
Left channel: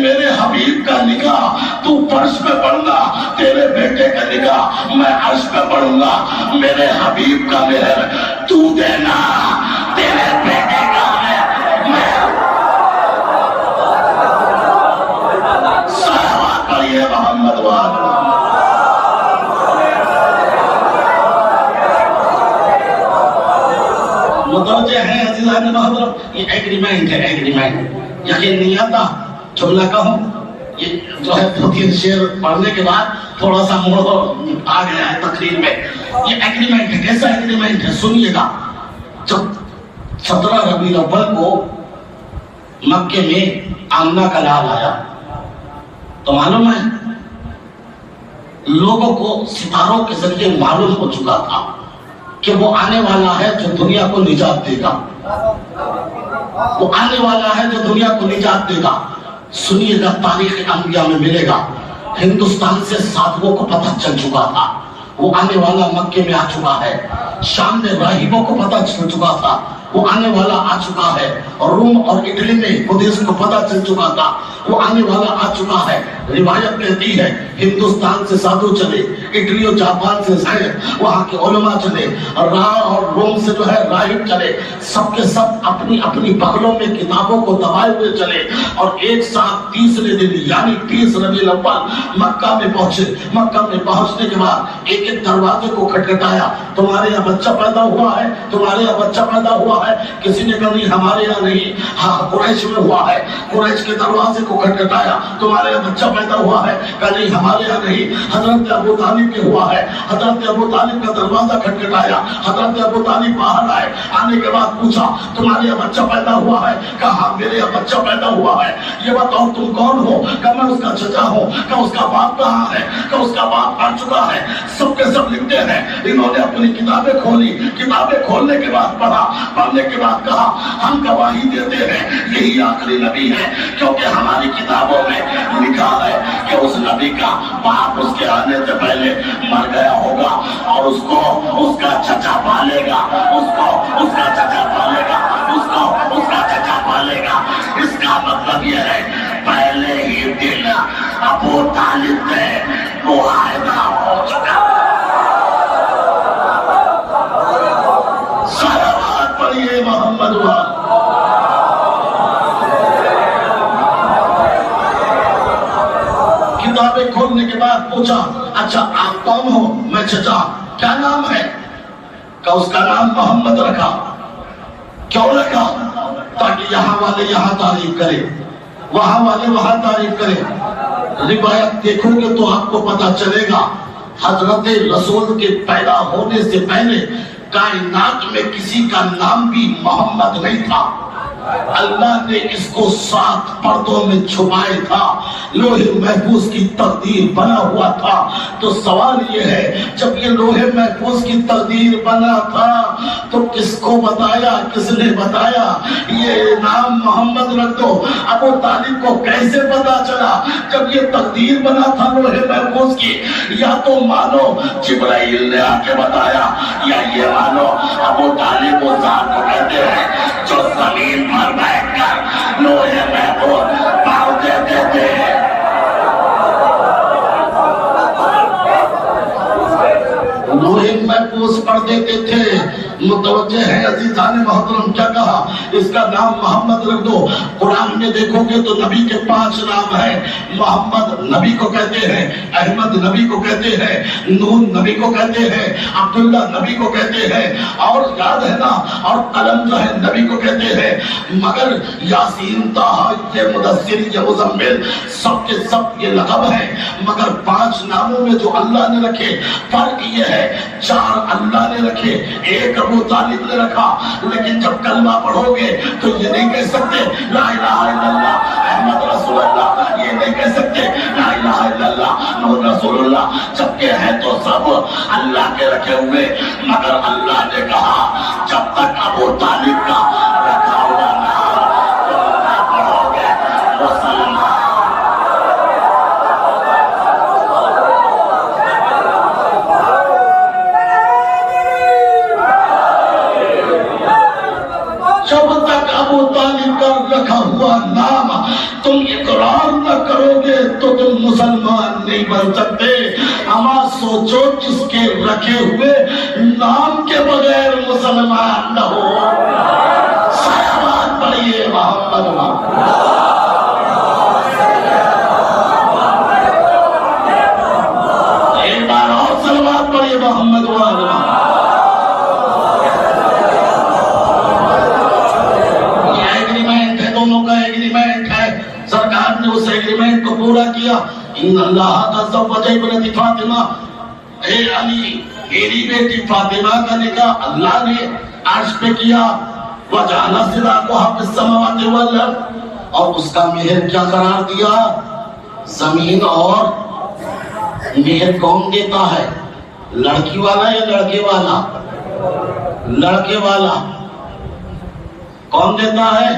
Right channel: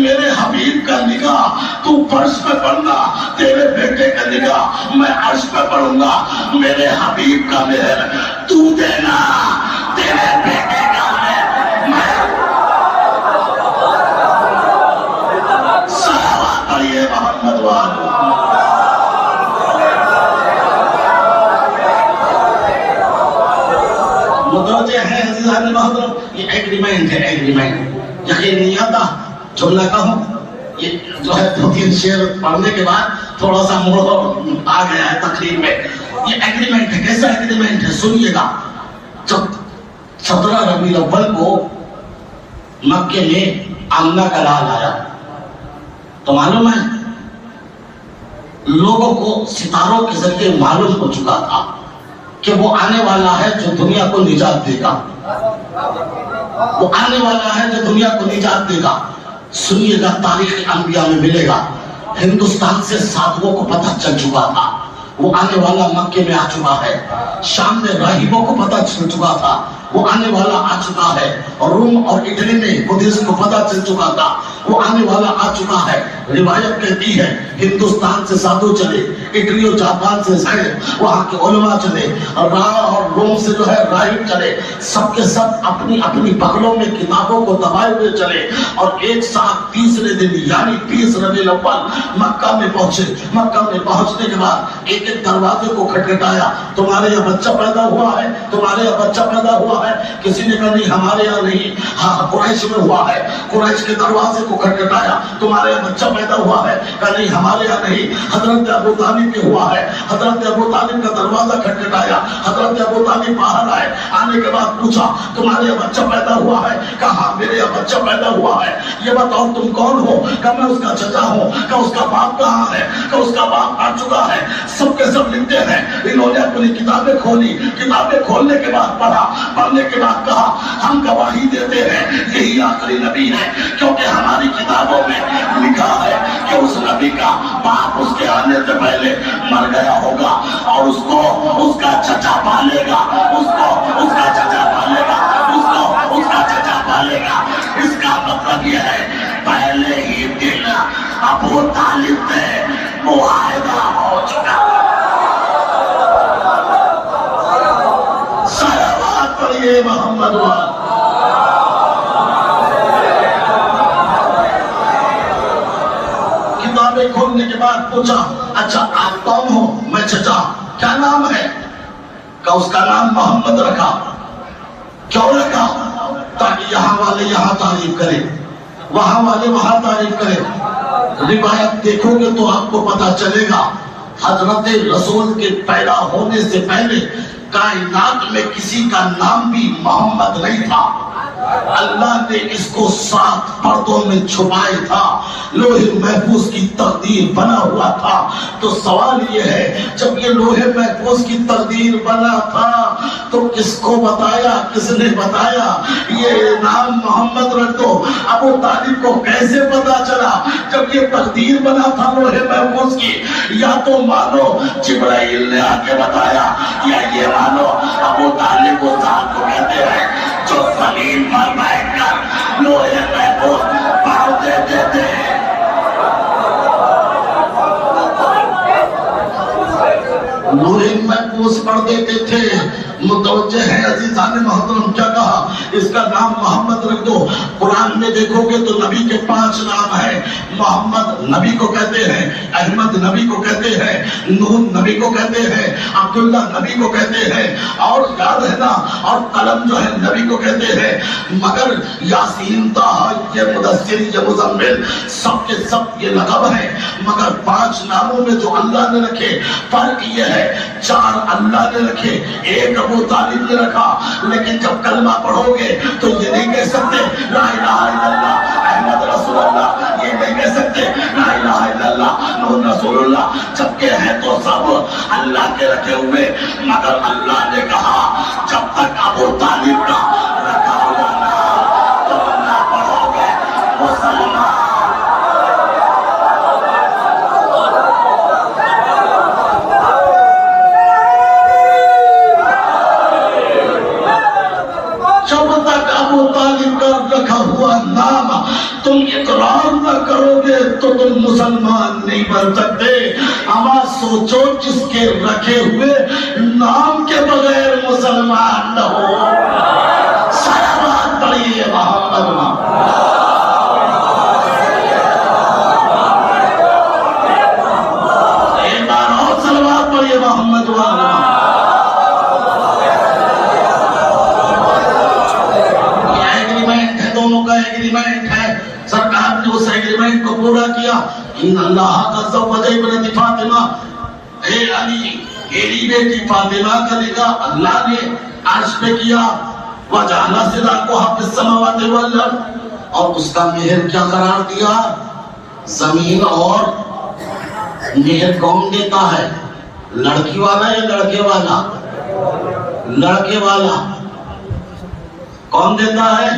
میرے حبیب کا نکاح تو فرش پہ پڑھنا، تیرے بیٹے کا نکاح میں عرش پہ پڑھوں گا. میرے حبیب کا مہر تو دینا، تیرے بیٹے کا میں. صلوات پڑھیے محمد وآلہ. متوجہ ہیں عزیزان محترم، یہ ایگریمنٹ ہے، ایگریمنٹ. یقین نہیں آتا جملہ کہوں، یہ جو ہے 2-3 شعر پڑھنے کے بعد تھوڑا سا موڑ آ گیا ہے تقریر میں. یہ ایگریمنٹ ہے. کیسا ایگریمنٹ ہے سنیے گا. جب 17 ربیع الاول کو مکے میں آمنہ کا لال آیا تو معلوم ہے لوگوں کو ستاروں کے ذریعے معلوم ہو چکا تھا کہ وہ آنے والا ہے جو دنیا کو نجات دے گا. وہ آنے والا ہے جو دنیا کو نجات دے گا. سنیے گا، تاریخ انبیاء میں ملے گا. ہندوستان سے ساتھوں کو پتہ چل چکا تھا وہ آنے والا مکے میں آ چکا ہے. شام میں راہبوں کو پتہ چل چکا تھا وہ آنے والا آ چکا ہے. اور روم اور اٹلی میں بدھسٹ کو پتہ چل چکا تھا وہ آنے والا آ چکا ہے. روایت کہتی ہے ہندوستان سے سادھو چلے، اٹلی اور جاپان سے زید، وہاں کے علماء چلے، اور روم سے جو ہے راہب چلے. سب کے سب اپنی اپنی بغلوں میں کتابوں کو دبائے ہوئے چلے اور ایک ساتھ تیسرے دن یعنی 30 ربیع الاول مکہ میں پہنچے. مکہ میں پہنچنے کے بعد ایک ایک دروازے کو کھٹکھٹایا. تمہارے یہاں بچہ پیدا ہوا ہے، تمہارے یہاں بچہ پیدا ہوا ہے. کسی نے کہا نہیں ہمارے یہاں نہیں، ہاں قریش میں ہوا ہے. قریش کے دروازے کو کھٹکھٹایا. تمہارے یہاں بچہ پیدا ہوا ہے؟ کہا نہیں ہمارے یہاں نہیں، حضرت ابو طالب کے ہوا ہے. حضرت ابو طالب کا دروازہ کھٹکھٹایا. حضرت ابو طالب باہر آئے. آنے کے بعد پوچھا تمہارے یہاں بچہ پیدا ہوا ہے؟ کہا میرے یہاں بچہ پیدا ہوا ہے. یہ بتاؤ تم کون ہو؟ کہا میں اس کا چچا ہوں. کہا اس کا باپ کہاں ہے؟ کہا اس کا باپ آ چکا ہے. سب کے سب لکھتے ہیں. انہوں نے اپنی کتابیں کھولی. کتابیں کھولنے کے بعد پڑھا. پڑھنے کے بعد کہا ہم گواہی دیتے ہیں یہی آخری نبی ہے، کیونکہ ہماری کتابوں میں لکھا ہے کہ اس نبی کا باپ اس کے آنے سے پہلے مر گیا ہوگا اور اس کو اس کا چچا پالے گا. اس کا چچا پالے گا. اس کا چچا پالے گا. اس کا مطلب یہ ہے پہلے ہی دن ابو طالب سے معاہدہ ہو چکا. صلوات پڑھیے محمد وآلہ. کتابیں کھولنے کے بعد پوچھا اچھا آپ کون ہو؟ میں چچا. کیا نام ہے؟ کہ اس کا نام محمد رکھا. کیوں رکھا؟ تاکہ یہاں والے یہاں تعریف کرے, وہاں والے وہاں تعریف کرے. روایت دیکھو گے تو آپ کو پتا چلے گا حضرت رسول کے پیدا ہونے سے پہلے کائنات میں کسی کا نام بھی محمد نہیں تھا. اللہ نے اس کو 7 پردوں میں چھپائے تھا, لوح محفوظ کی تقدیر بنا ہوا تھا. تو سوال یہ ہے, جب یہ لوح محفوظ کی تقدیر بنا تھا تو کس کو بتایا, کس نے بتایا یہ نام محمد رکھ دو؟ ابو طالب کو کیسے پتا چلا جب یہ تقدیر بنا تھا لوح محفوظ کی؟ یا تو مانو جبرائیل نے آ کے بتایا, یا یہ مانو ابو طالب وہ ذات کو کہتے ہیں جو زمین پر بیٹھ کر لوح محفوظ پڑھ دیتے تھے. لوح محفوظ پڑھ دیتے تھے. متوجہ ہے عزیزان محترم, کیا کہا؟ اس کا نام محمد رکھ دو. قرآن میں دیکھو گے تو نبی کے 5 نام ہیں. محمد نبی کو کہتے ہیں, احمد نبی کو کہتے ہیں, نون نبی کو کہتے ہیں, عبداللہ نبی کو کہتے ہیں, اور یاد ہے نا, اور قلم جو ہے نبی کو کہتے ہیں. مگر یاسین, طٰہٰ, یہ مدثر, یہ مزمل, سب کے سب یہ لقب ہے. مگر 5 ناموں میں جو اللہ نے رکھے فرق یہ ہے, 4 اللہ نے رکھے, 1 ابو طالب نے رکھا. لیکن جب کلمہ پڑھو گے تو یہ نہیں کہہ سکتے لا الہ الا اللہ احمد رسول اللہ, یہ نہیں کہہ سکتے لا الہ الا اللہ محمد رسول اللہ, جبکہ ہے تو سب اللہ کے رکھے ہوئے. مگر اللہ نے کہا جب تک ابو طالب کا رکھا ہوا نام تم نہ پڑھو گے مسلمان. جب تک ابو طالب کا رکھا ہوا نام تم اقرار نہ کرو گے تو تم مسلمان نہیں بن سکتے. اما سوچو جس کے رکھے ہوئے نام کے بغیر مسلمان نہ ہو. صلوات پڑھیے محمد ایک بار اور صلوات پڑھیے محمد ایگریمنٹ ہے. سرکار نے اس ایگریمنٹ کو پورا کیا. ان اللہ کا زوج ابنت فاطمہ, اے علی میری بیٹی فاطمہ کا نکاح اللہ نے عرش پہ کیا. وجعل صداقها فی السماوات والارض, اور اس کا مہر کیا قرار دیا؟ زمین. اور مہر کون دیتا ہے؟ لڑکی والا یا لڑکے والا؟ لڑکے والا. کون دیتا ہے؟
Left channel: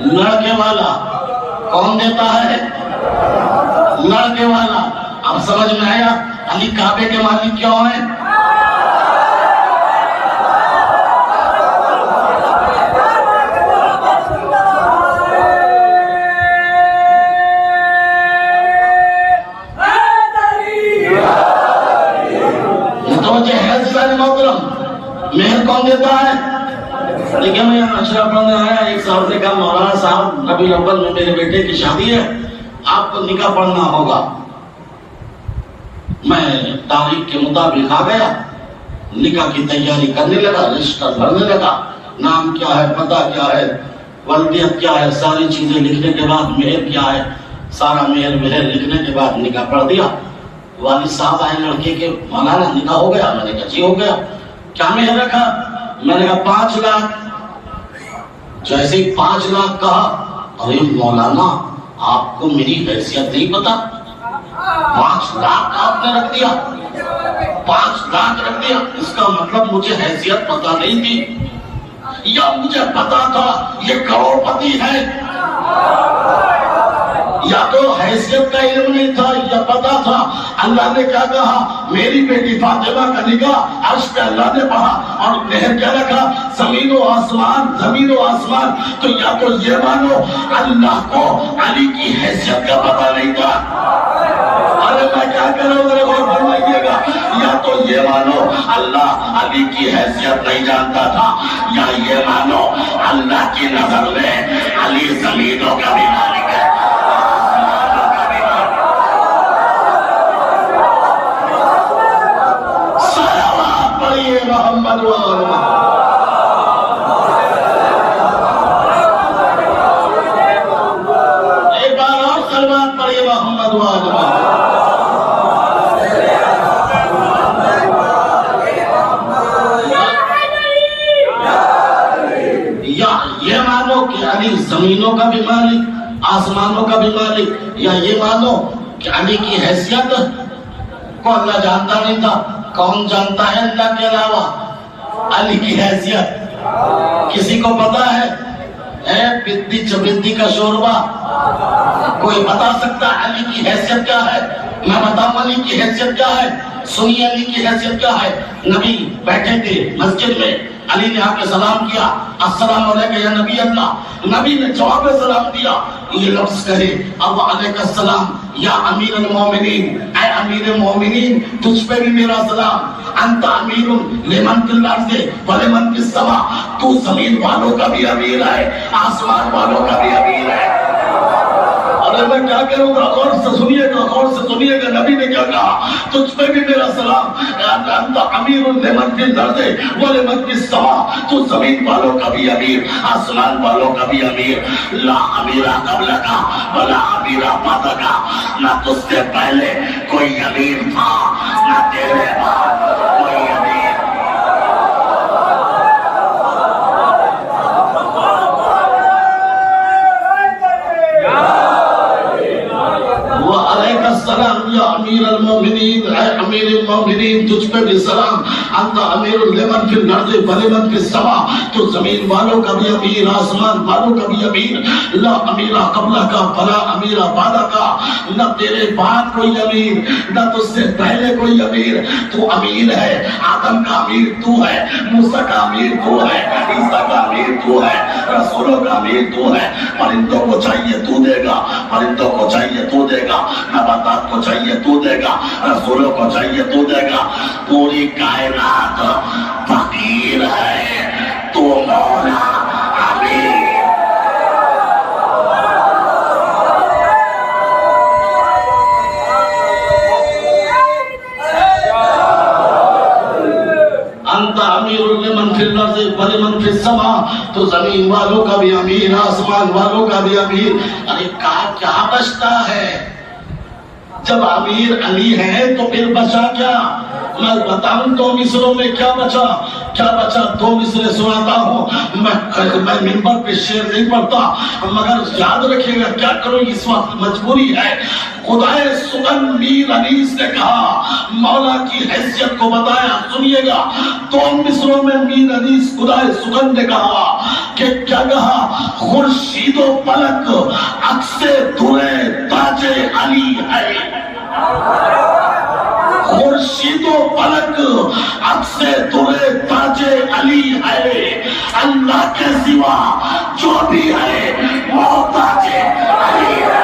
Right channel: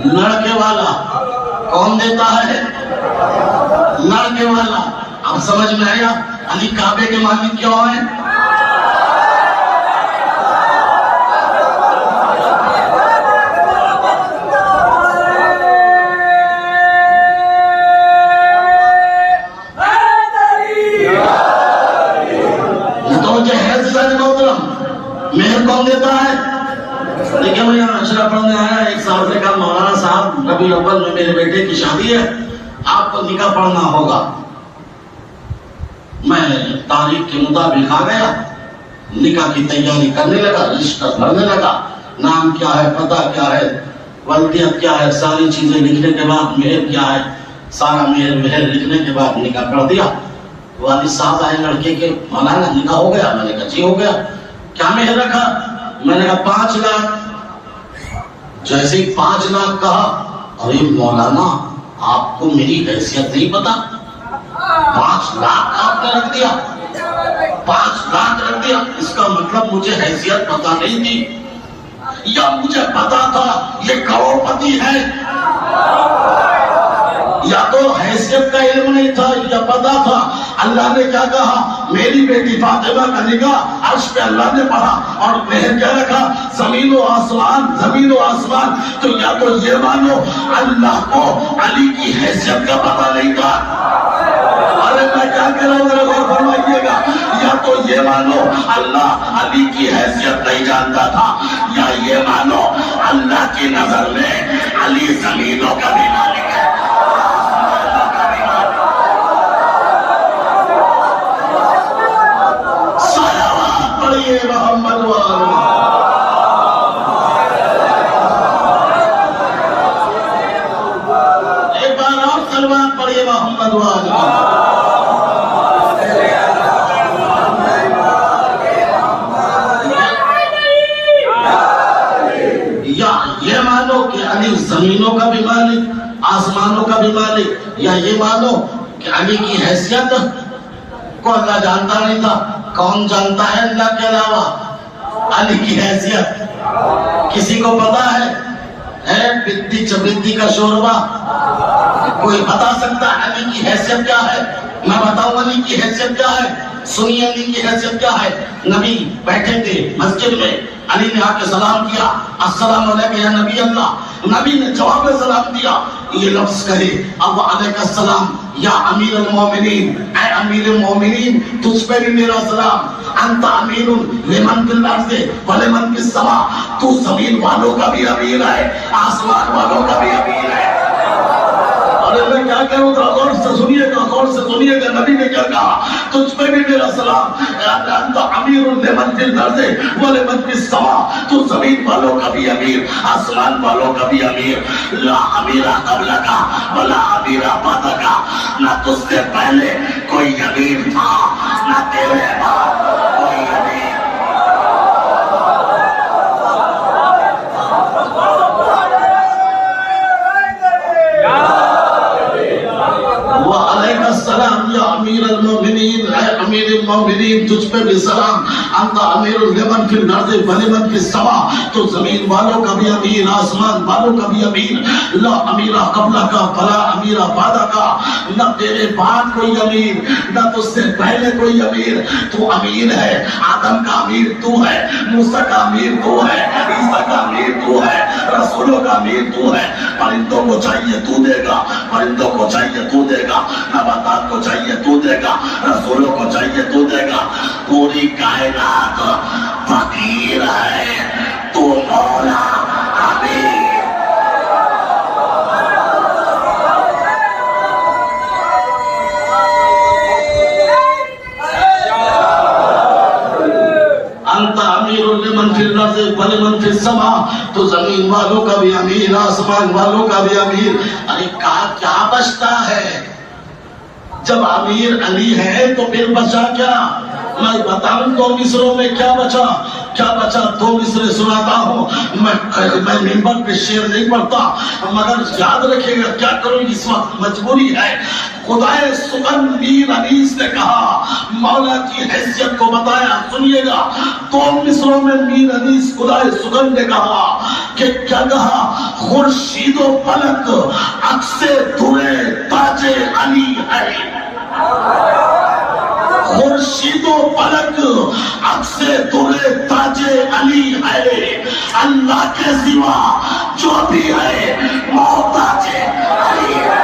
لڑکے والا. کون دیتا ہے؟ لڑکے والا. اب سمجھ میں آیا علی کعبے کے مالک کیوں ہیں؟ متوجہ ہے عزیزان محترم, مہر کون دیتا ہے؟ لیکن میں یہاں اشرف پڑھنے آیا, ایک صاحب نے کہا مولانا صاحب ربیع الاول میں میرے بیٹے کی شادی ہے, آپ کو نکاح پڑھنا ہوگا. میں تاریخ کے مطابق آ گیا, نکاح کی تیاری کرنے لگا, رشتہ بھرنے لگا, نام کیا ہے, پتہ کیا ہے, والدیت کیا ہے, ساری چیزیں لکھنے کے بعد مہر کیا ہے, سارا مہر لکھنے کے بعد نکاح پڑھ دیا. والد صاحب آئے لڑکے کے, مولانا نکاح ہو گیا؟ میں نے کہا جی ہو گیا. کیا مہر رکھا؟ میں نے کہا 5 لاکھ. جیسے ہی 5 لاکھ کہا, ارے مولانا آپ کو میری حیثیت نہیں پتا, 5 لاکھ آپ نے رکھ دیا, 5 لاکھ رکھ دیا, اس کا مطلب مجھے حیثیت پتا نہیں تھی, یا مجھے پتا تھا یہ کروڑ پتی ہے, یا تو حیثیت کا علم نہیں تھا یا پتا تھا. اللہ نے کیا کہا؟ میری بیٹی فاطمہ کا نکاح عرش پہ اللہ نے پڑھا, اور مہر کیا رکھا؟ زمین و آسمان. زمین و آسمان. تو یا تو یہ مانو اللہ کو علی کی حیثیت کا پتا نہیں تھا, ارے میں کیا کہہ رہا ہوں ذرا غور فرمائیے گا, یا تو یہ مانو اللہ علی کی حیثیت نہیں جانتا تھا, یا یہ مانو اللہ کی نظر میں علی زمینوں کا بھی مالک ہے. محمد وآل محمد۔ یا یہ مانو کہ علی زمینوں کا بھی مالک، آسمانوں کا بھی مالک، یا یہ مانو کہ علی کی حیثیت کو اللہ جانتا نہیں تھا؟ کون جانتا ہے اللہ کے علاوہ علی کی حیثیت؟ کسی کو پتا ہے بدی چبدی کا شوربہ؟ کوئی بتا سکتا علی کی حیثیت کیا ہے؟ میں بتاؤں علی کی حیثیت کیا ہے؟ سنیے علی کی حیثیت کیا ہے۔ نبی بیٹھے تھے مسجد میں، علی نے آ کے سلام کیا، السلام علیکم یا نبی اللہ۔ نبی نے جواب سلام دیا، یہ لفظ کہے اب علیکم السلام یا امیر المومنین، اے امیر مومنین تجھ پہ بھی میرا سلام۔ انت امیر لمن فی الارض ولمن فی السماء، تو زمین والوں کا بھی امیر ہے، آسمان والوں کا بھی امیر ہے۔ اور میں کیا کروں گا؟ غور سے سنیے گا، غور سے سنیے گا، نبی نے کیا کہا؟ تجھ پہ بھی میرا سلام۔ انت امیر لمن فی الارض ولمن فی السماء، تو زمین والوں کا بھی امیر، آسمان والوں کا بھی امیر۔ لا امیر قبلک ولا امیر بعدک، نہ تجھ سے پہلے کوئی امیر تھا نہ تیرے بعد کوئی امیر۔ وعلیکم السلام یا امیر المومنین، اے امیر المومنین تجھ پہ بھی سلام۔ انت امیر لمن فی الارض ولمن فی السماء، تو زمین والوں کا بھی امیر، آسمان والوں کا بھی امیر۔ لا امیر قبلک ولا امیر بعدک، نہ تیرے بعد کوئی امیر نہ تجھ سے پہلے کوئی امیر۔ تو امیر ہے، آدم کا امیر تو ہے، موسیٰ کا امیر تو ہے، عیسیٰ کا امیر تو ہے، رسولوں کا امیر تو ہے۔ پرندوں کو چاہیے تو دے گا، پرندوں کو چاہیے تو دے گا، نباتات کو چاہیے تو دے گا، رسولوں کو چاہیے تو دے گا۔ پوری کائنات فقیر ہے، تو مولا امیر۔ انت امیر لمن فی الارض ولمن فی السماء، تو زمین والوں کا بھی امیر، آسمان والوں کا بھی امیر۔ ارے کیا بچتا ہے؟ جب امیر علی ہے تو پھر بچا کیا؟ میں بتاؤں دو مصروں میں کیا بچا؟ کیا بچا؟ دو مصرے سناتا ہوں۔ میں منبر پہ شعر نہیں پڑھتا، مگر یاد رکھے گا، کیا کروں اس وقت مجبوری ہے۔ خدائے سخن میر انیس نے کہا، مولا کی حیثیت کو بتایا، سنیے گا۔ دو مصروں میں میر انیس خدائے سخن نے کہا کہ کیا کہا؟ خورشید و فلک عکس درِ تاج علی ہے، خورشید و فلک عکس درِ تاج علی ہے، اللہ کے سوا جو بھی ہے محتاج علی ہے۔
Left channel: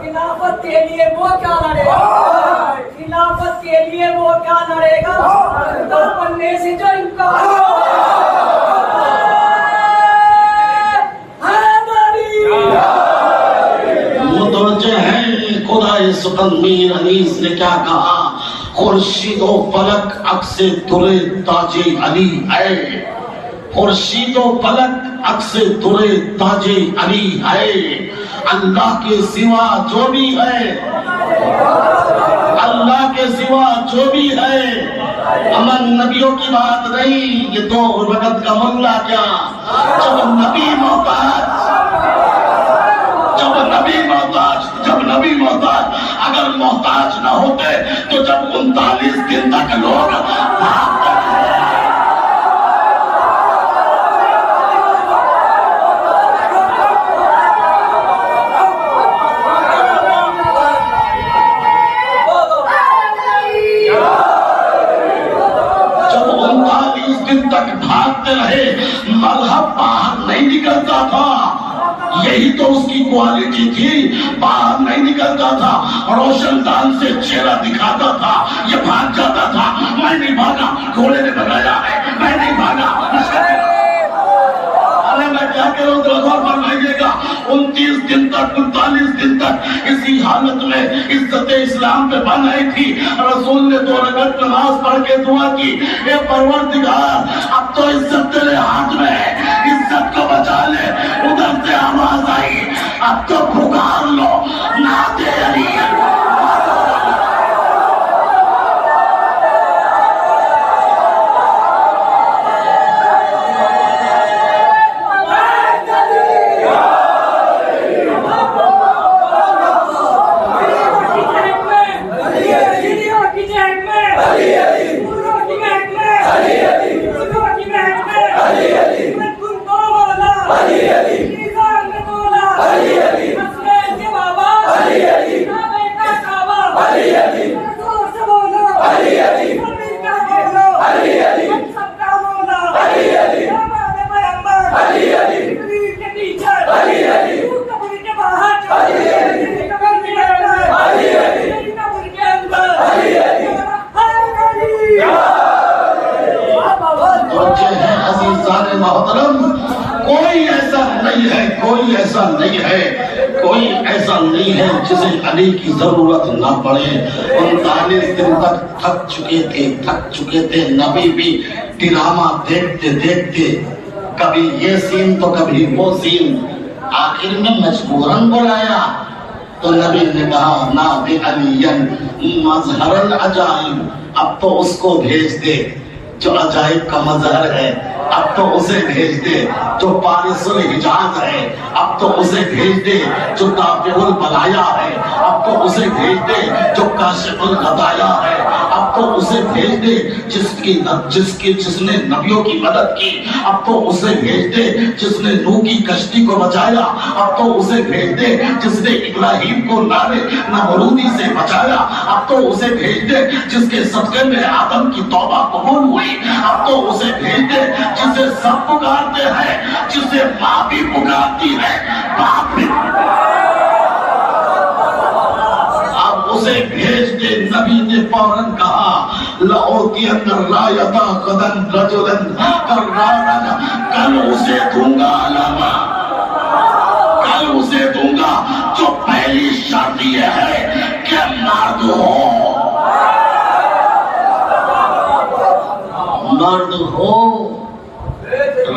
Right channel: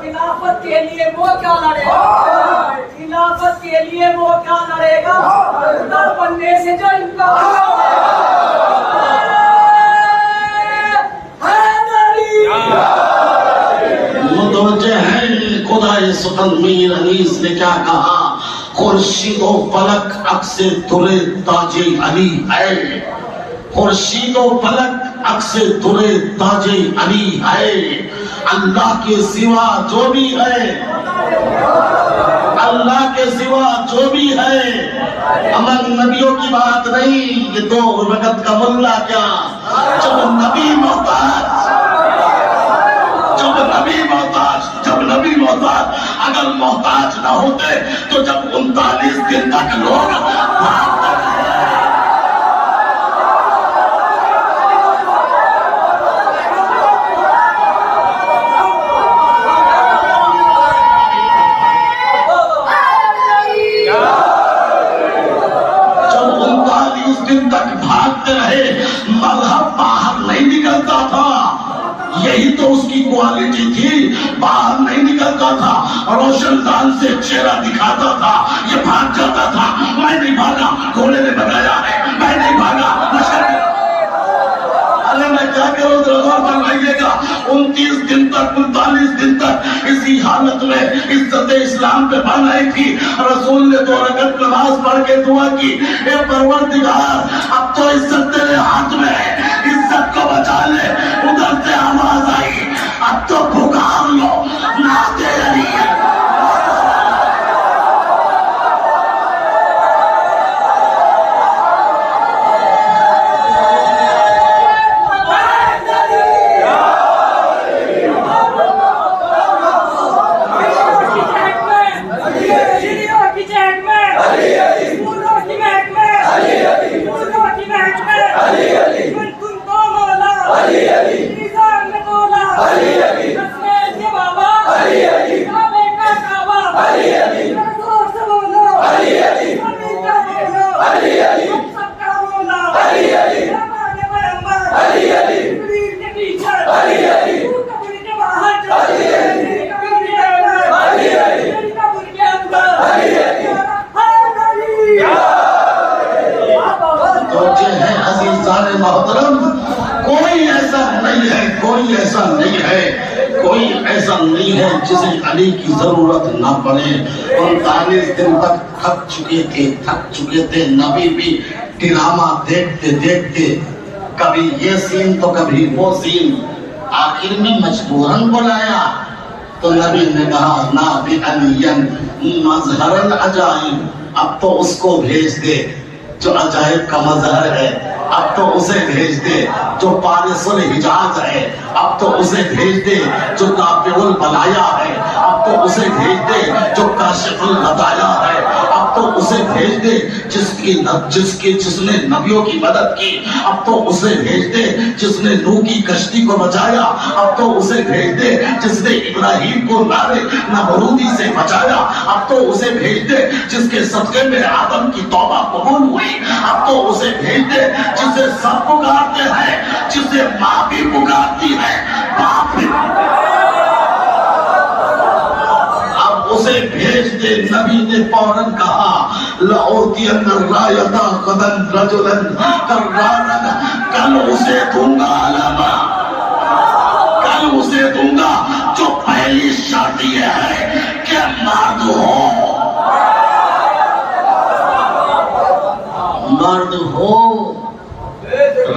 خلافت کے لیے وہ کیا لڑے گا؟ خلافت کے لیے وہ کیا لڑے گا؟ خدا بننے سے جو انکار متوجہ ہیں؟ خدائے سخن میر انیس نے کیا کہا؟ خورشید و فلک عکس درِ تاج علی ہے، خورشید و فلک عکس درِ تاج علی ہے، اللہ کے سوا جو بھی ہے، اللہ کے سوا جو بھی ہے۔ امن نبیوں کی بات نہیں، یہ دو وقت کا ملا کیا؟ جب نبی محتاج، اگر محتاج نہ ہوتے تو جب 39 دن تک لوگ بھاگتے رہے۔ جب 39 دن تک بھاگتے رہے، مذہب باہر نہیں نکلتا تھا، یہی تو اس کی کوالٹی تھی. باہر نہیں نکلتا تھا, روشن دان سے چہرہ دکھاتا تھا, یہ بھاگ جاتا تھا. میں نہیں بھاگا, گھوڑے نے بتایا ہے, میں نہیں بھاگا. ارے میں کیا کروں, غور فرمائیے گا. 29 دن تک 39 دن تک اسی حالت میں عزت اسلام پہ بنائی تھی. رسول نے 2 رکعت نماز پڑھ کے دعا کی, اے پروردگار اب تو عزت تیرے ہاتھ میں ہے, عزت کو بچا لے. ادھر سے آواز آئی, اب تو پکار لو نعت علی. کوئی ایسا نہیں ہے جسے علی کی ضرورت نہ پڑے. 39 دن تک تھک چکے تھے. نبی بھی ڈرامہ دیکھتے دیکھتے کبھی یہ سین تو کبھی وہ سین, آخر میں مجبوراً بلایا تو نبی نے کہا نادِ علی مظہر العجائب. اب تو اس کو بھیج دے جو عجائب کا مظہر ہے, اب تو اسے بھیج دے جو پارس الحجاز ہے, اب تو اسے بھیج دے جو دافع البلایا ہے, اب تو اسے بھیج دے جو کاشف الغدایا ہے, اب تو اسے بھیج دے جس نے نبیوں کی مدد کی, اب تو اسے بھیج دے جس نے نوح کی کشتی کو بچایا, اب تو اسے بھیج دے جس نے ابراہیم کو نارے نمرودی سے بچایا, اب تو اسے بھیج دے جس کے صدقے میں آدم کی توبہ قبول ہوئی, اب تو اسے بھیج دے جسے سب پکارتے ہیں, جسے ماں بھی پکارتی ہے, باپ بھی. اب اسے بھیج دے. نبی نے فوراً کہا لَأُوتِيَنَّ الرَّایَةَ غَدًا رَجُلًا قَرَّارًا, کل اسے دوں گا علامہ, کل اسے دوں گا جو پہلی شرط یہ ہے کہ مرد ہو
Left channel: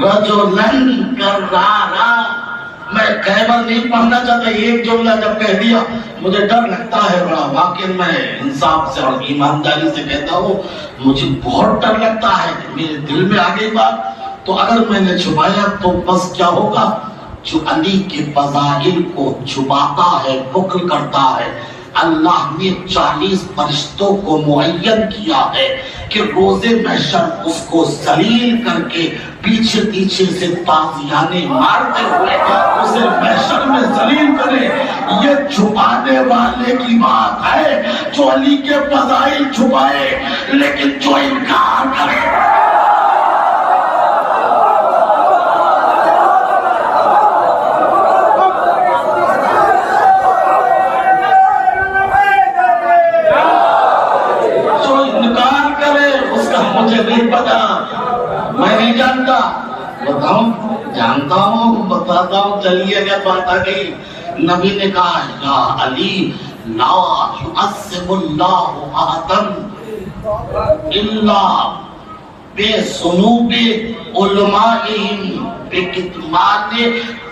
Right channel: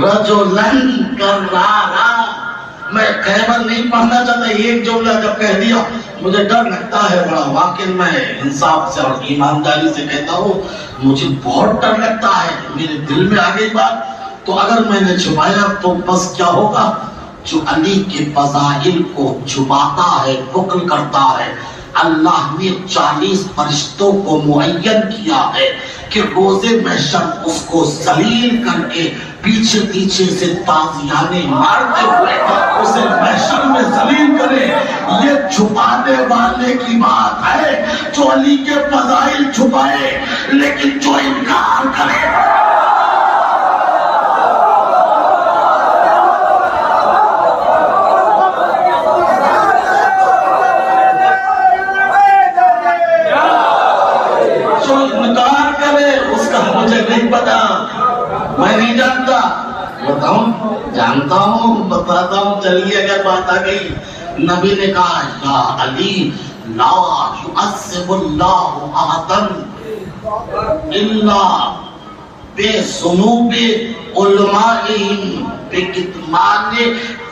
رجلن کرارا. میں خیبر نہیں پڑھنا چاہتا, ایک جملہ جب کہہ دیا مجھے ڈر لگتا ہے بڑا. واقعی میں انصاف سے اور ایمانداری سے کہتا ہوں, مجھے بہت ڈر لگتا ہے. میرے دل میں آ گئی بات, تو اگر میں نے چھپایا تو بس کیا ہوگا. جو علی کے فضائل کو چھپاتا ہے, بخل کرتا ہے, اللہ نے 40 فرشتوں کو معین کیا ہے کہ روز محشر اس کو ذلیل کر کے پیچھے پیچھے سے تازیانے مارتے ہوئے اسے محشر میں ذلیل کرے. یہ چھپانے والے کی بات ہے جو علی کے فضائل چھپائے, لیکن جو انکار کرے. میں نہیں جانتا, جانتا ہوں, بتاتا ہوں. چلیے اگر بات آ گئی, نبی نے کہا یا علی لا يعذب اللہ احدا الا بذنوب علمائهم بکتمان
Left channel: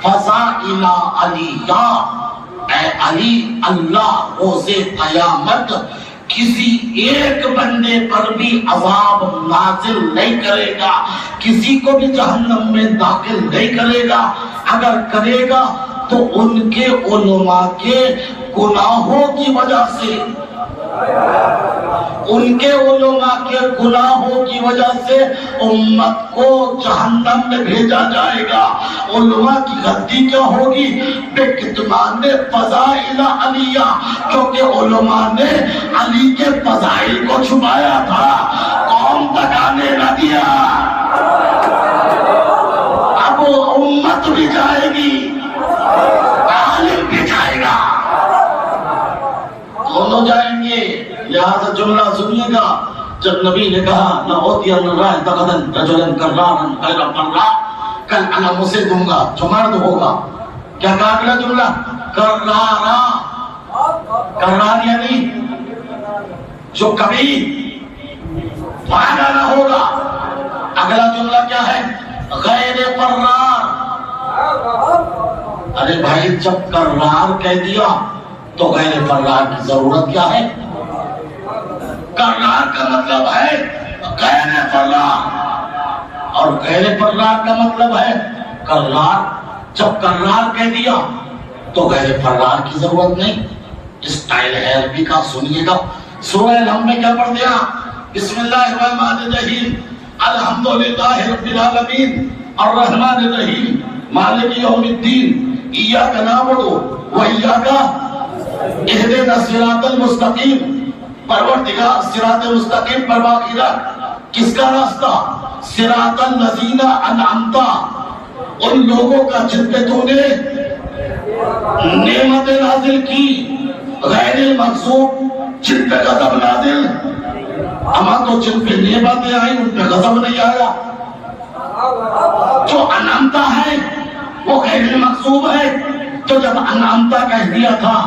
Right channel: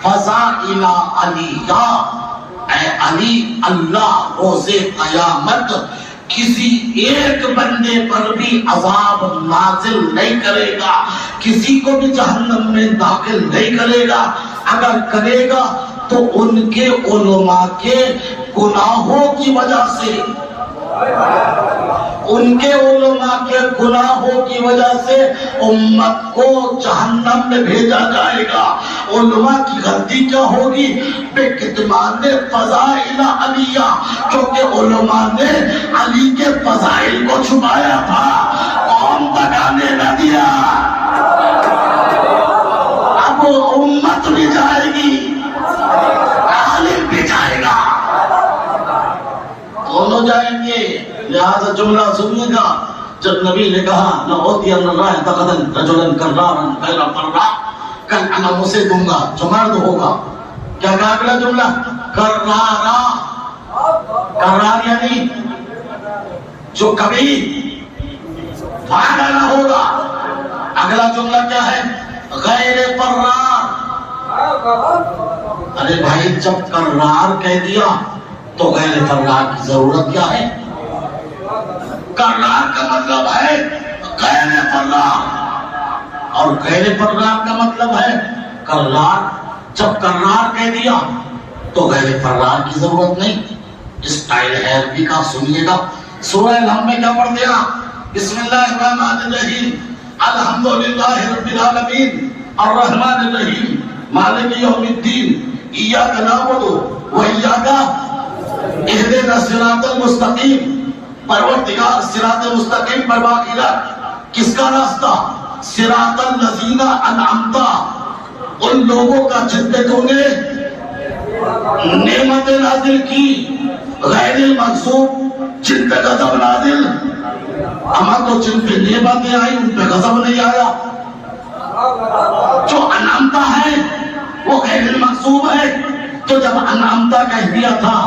فضائل علیہ. اے علی, اللہ روز قیامت کسی ایک بندے پر بھی عذاب نازل نہیں کرے گا, کسی کو بھی جہنم میں داخل نہیں کرے گا. اگر کرے گا تو ان کے علماء کے گناہوں کی وجہ سے, ان کے علماء کے گناہوں کی وجہ سے امت کو جہنم میں بھیجا جائے گا. علماء کی غلطی کیا ہوگی؟ بے کتمان فضائل علیہ, کیونکہ علماء نے علی کے فضائل کو چھپایا تھا, قوم تک آنے نہ دیا. اب امت بھی جائے گی, ہو جائیں گے. لہذا جملہ سنیے گا. جب نبی نے کہا لَأُعْطِيَنَّ الرَّائِدَ غَدًا رَجُلًا كَرَّارًا غَيْرَ فَرَّاءٍ، کل انا اسے دوں گا جو مرد ہوگا. کیا کہا اگلا جملہ؟ کرارا. کرار یعنی جو کبھی بھاگا نہ ہوگا. اگلا جملہ کیا ہے؟ غیر فرار. ارے بھائی جب کرار کہہ دیا تو غیر فرار کی ضرورت کیا ہے؟ کرار کا مطلب ہے غیر فرار، اور غیر فرار کا مطلب ہے کرار. جب کرار کہہ دیا تو غیر فرار کی ضرورت نہیں. اسٹائل ہے عربی کا. سنیے گا. سورہ الحمد میں کیا پڑھ دیا؟ بسم اللہ الرحمن الرحیم الحمدللہ رب العالمین الرحمن الرحیم مالک یوم الدین ایاک نعبد و ایاک اہدنا الصراط المستقیم. پروردگار صراط مستقیم پر باقی رکھ. کس کا راستہ؟ صراط الذین انعمت، ان لوگوں کا جن پہ تو نے نعمت نازل کی. غیر المغضوب، جن پہ غضب نازل. اما تو جن پہ نعمتیں آئی ان پہ غضب نہیں آیا. جو انعمتا ہے وہ غیر المغضوب ہے. تو جب انعمتا کہہ دیا تھا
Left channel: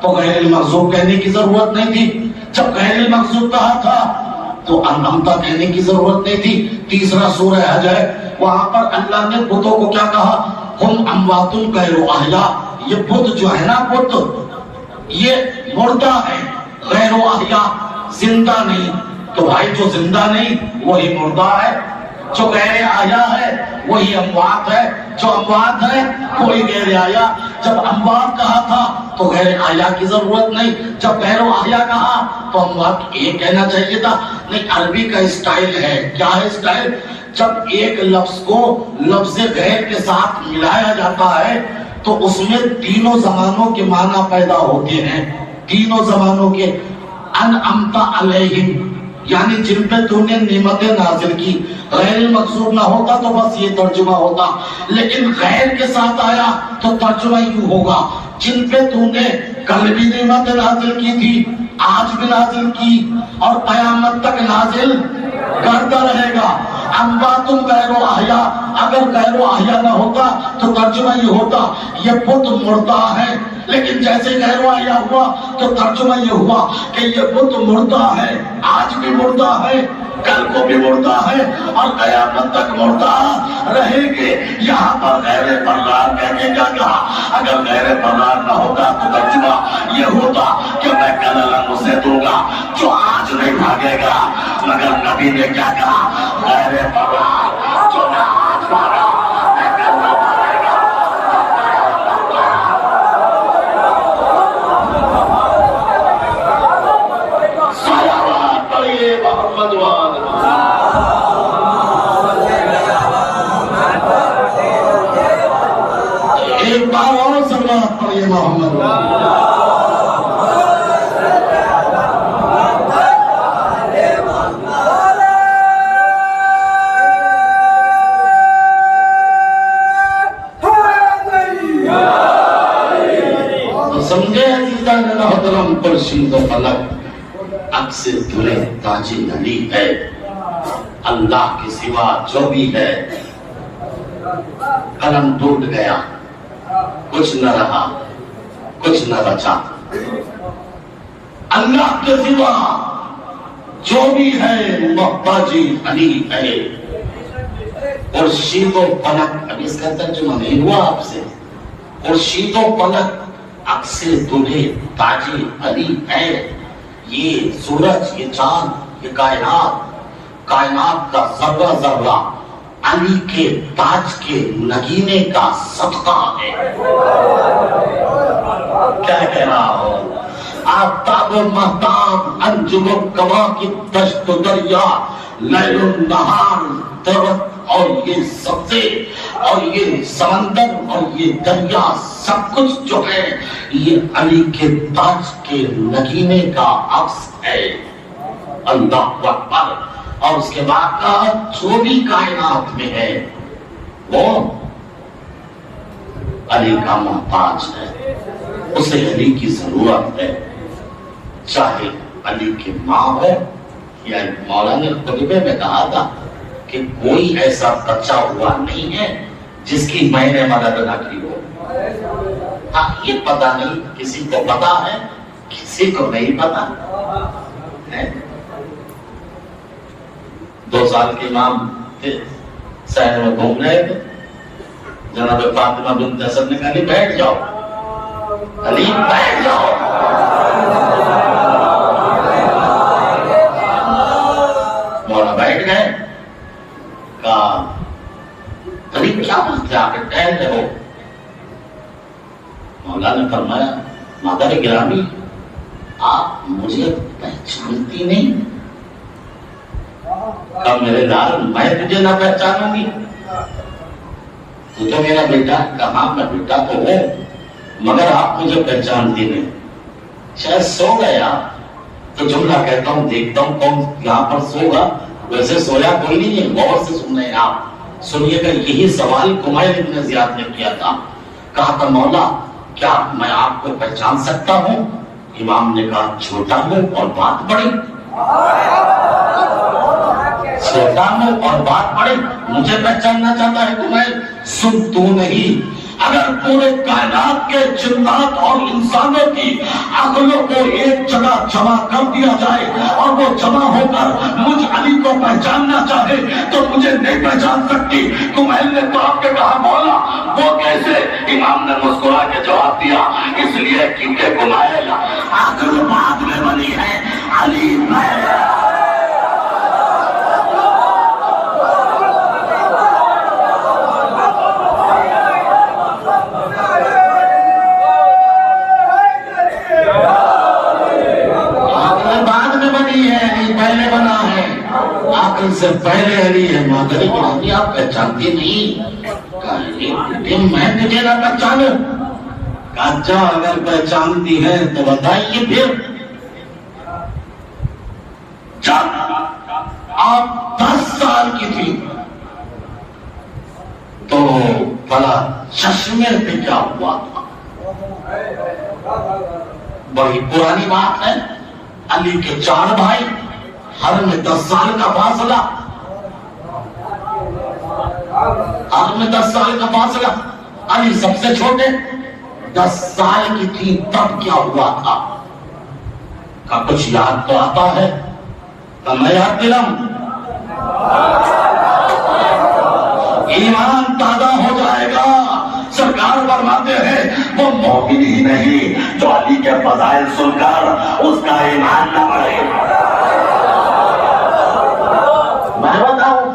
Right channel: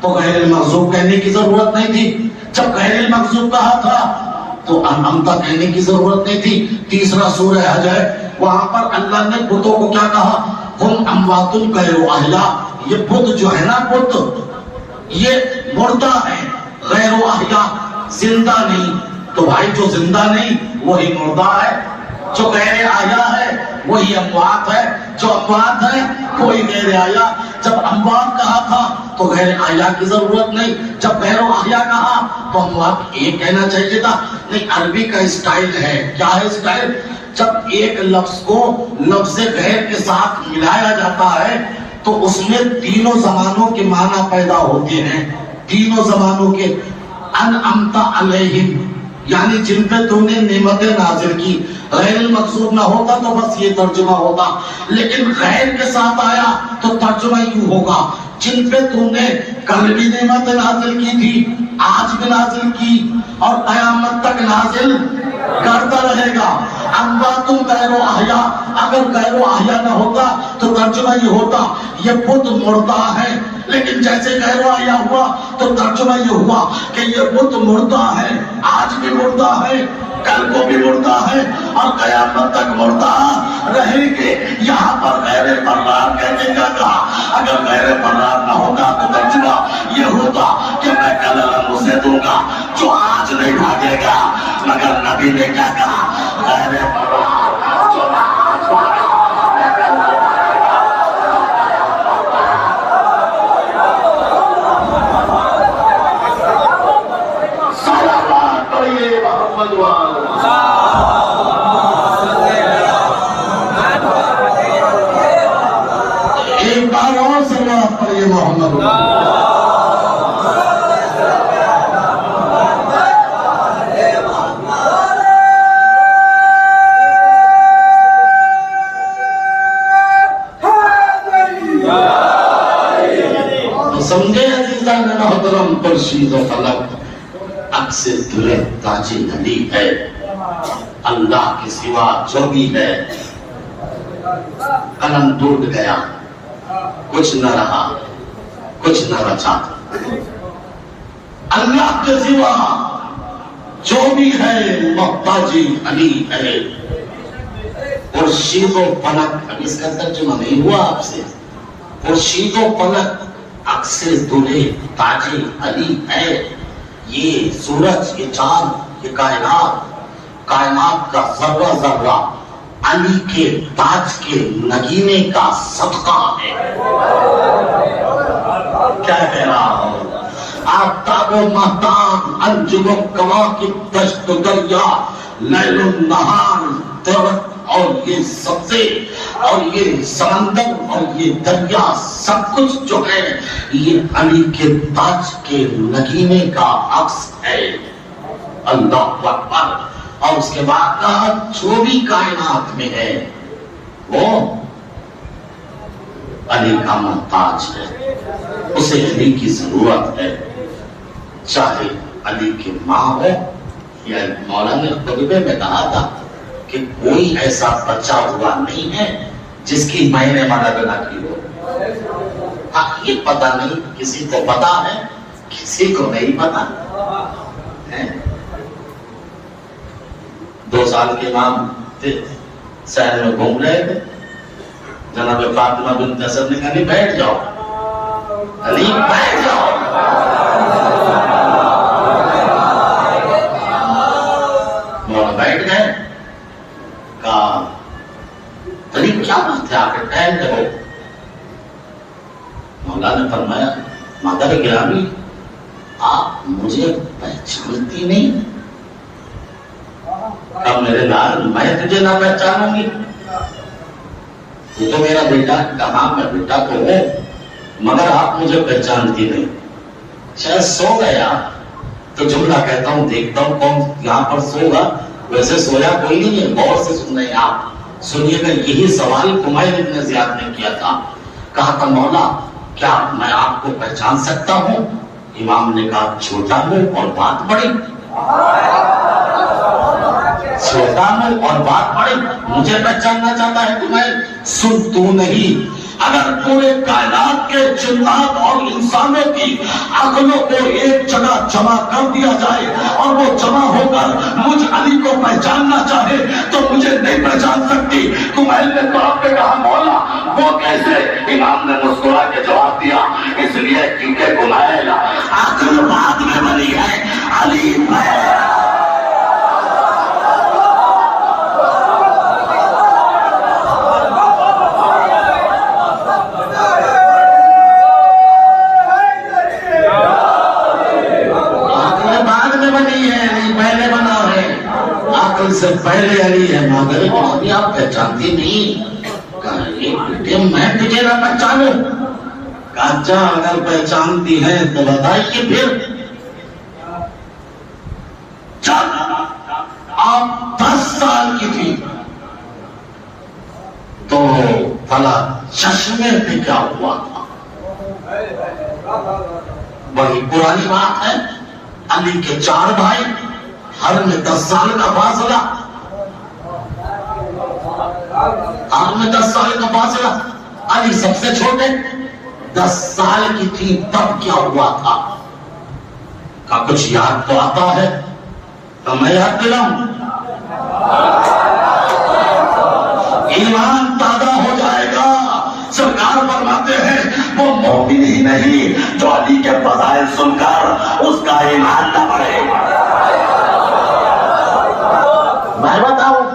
تو غیر المغضوب کہنے کی ضرورت نہیں تھی. جب غیر المغضوب کہا تھا تو انعمتا کہنے کی ضرورت نہیں تھی. تیسرا سورہ حج ہے، وہاں پر اللہ نے بتوں کو کیا کہا؟ ہم اموات غیر احیاء. یہ بت جو ہے نا، بت یہ مردہ ہے، غیر احیاء، زندہ نہیں. تو بھائی جو زندہ نہیں وہی مردہ ہے، جو غیر احیاء ہے وہی اموات ہے. جو اموات ہے وہی غیر احیاء. جب اموات کہا تھا تو غیر احیاء کی ضرورت نہیں. جب غیر احیاء کہا تو اموات یہ کہنا چاہیے تھا. لیکن عربی کا اسٹائل ہے. کیا ہے اسٹائل؟ جب ایک لفظ کو لفظ غیر کے ساتھ ملایا جاتا ہے تو اس میں تینوں زمانوں کے معنی پیدا ہوتے ہیں. تینوں زمانوں کے. انعمت علیہم یعنی جن پہ تو نے نعمتیں نازل کی. غیر المغضوب نہ ہوتا تو بس یہ ترجمہ ہوتا، لیکن غیر کے ساتھ آیا تو ترجمہ یوں ہوگا جن پہ تو نے کل بھی نعمت نازل کی تھی، آج بھی نازل کی اور قیامت تک نازل کرتا رہے گا. اموات غیر احیاء، اگر غیر احیاء نہ ہوتا تو ترجمہ یہ ہوتا یہ بت مردہ ہے. لیکن جیسے غیر احیاء ہوا تو ترجمہ یہ ہوا کہ یہ بت مردہ ہے، آج بھی مردہ ہے، کل کو بھی مردہ ہے اور قیامت تک مردہ رہے گے. یہاں پر غیر فرار کہنے کا کہا. اگر غیر فرار نہ ہوگا تو ترجمہ یہ ہوتا کہ میں کل اسے دوں گا جو آج نہیں بھاگے گا. مگر نبی نے کیا کہا؟ غیر فرار جو نہ آج بھاگا میں کل نہ بھاگے گا. صلوات پڑھیے محمد والا. ایک بار اور صلوات پڑھیے محمد والا. سمجھے عزیزان محترم، پرشید و فلک عکس دھرے تاج نلی ہے. اللہ کے سوا جو بھی ہے قلم ٹوٹ گیا، کچھ نہ رہا، کچھ نہ بچا. اللہ کے سوا جو بھی ہے محتاجی علی ہے. خورشید و فلک، اب اس کا ترجمہ نہیں ہوا آپ سے. خورشید و فلک عکس دھرے تاج علی ہے. یہ سورج، یہ چاند، یہ کائنات کا ذرہ ذرہ علی کے تاج کے نگینے کا صدقہ ہے. کیا کہہ رہا ہوں؟ آفتاب و مہتاب، انجم و کواکب، دشت و دریا، لیل و نہار، درخت اور یہ سبزے اور یہ سمندر اور یہ دریا، سب کچھ جو ہے یہ علی کے تاج کے نگینے کا عکس ہے. اللہ اکبر. اور اس کے بعد کہا جو بھی کائنات میں ہے وہ علی کا محتاج ہے، اسے علی کی ضرورت ہے. چاہے علی کی ماں ہو یا مولانا نے خطبے میں کہا تھا کہ کوئی ایسا بچہ ہوا نہیں ہے جس کی میں نے مدد نہ کی ہو. یہ پتہ نہیں، کسی کو پتا ہے کسی کو نہیں پتا. 2 سال کے امام تھے، شہر میں گھوم رہے تھے. جناب فاطمہ بنت اسد نے کہا علی بیٹھ جاؤ، علی بیٹھ جاؤ. مولانا بیٹھ گئے. کہا علی کیا بات ہے، آ کے ٹہل رہے ہو؟ مولانا نے فرمایا مادر گرامی آپ مجھے پہچانتی نہیں؟ اب میرے لال میں تجھے نہ پہچانوں گی؟ تو میرا بیٹا. کہاں میں بیٹا تو ہوں مگر آپ مجھے پہچانتی نہیں. شاید سو گیا تو جملہ کہتا ہوں دیکھتا ہوں کون یہاں پر سوگا. ویسے سویا کوئی نہیں ہے، غور سے سن رہے ہیں آپ. سنیے گا یہی سوال کمائل ابن زیاد نے کیا تھا. کہا تھا مولا کیا میں آپ کو پہچان سکتا ہوں؟ امام نے کہا چھوٹا ہوں اور بات بڑی. چھوٹا ہوں اور بات بڑی، مجھے پہچاننا چاہتا ہے تمہیں؟ سن تو نہیں، اگر پورے کائنات کے جنات اور انسانوں کی عقلوں کو ایک جگہ جمع کر دیا جائے اور وہ جمع ہو کر مجھ علی کو پہچاننا چاہے تو مجھے نہیں پہچان سکتی. کمائل نے تو آپ نے کہا مولا وہ کیسے؟ امام نے مسکرا کے جواب دیا اس لیے کیونکہ کمائل عقل بعد میں بنی ہے، علی پہلے. پہلے بنا ہے، عقل سے پہلے علی ہے. مادر گرامی آپ پہچانتی نہیں؟ کہا میں تجھے نہ پہچانوں؟ کہا اچھا اگر پہچانتی ہے تو بتائیے پھر. جب آپ 10 سال کی تھی تو فلا چشمے پہ کیا ہوا تھا؟ بڑی پرانی بات ہے. علی کے 4 بھائی، ہر میں 10 سال کا فاصلہ، ہر میں 10 سال کا فاصلہ. علی سب سے چھوٹے، 10 سال کی تھی تب کیا ہوا تھا؟ کا کچھ یاد تو آتا ہے تو میں یاد دلاؤں. ایمان تازہ ہو جائے گا. سرکار فرماتے ہیں وہ مومن ہی نہیں جو علی کے فضائل سن کر اس کا ایمان نہ بڑھے. میں بتاؤں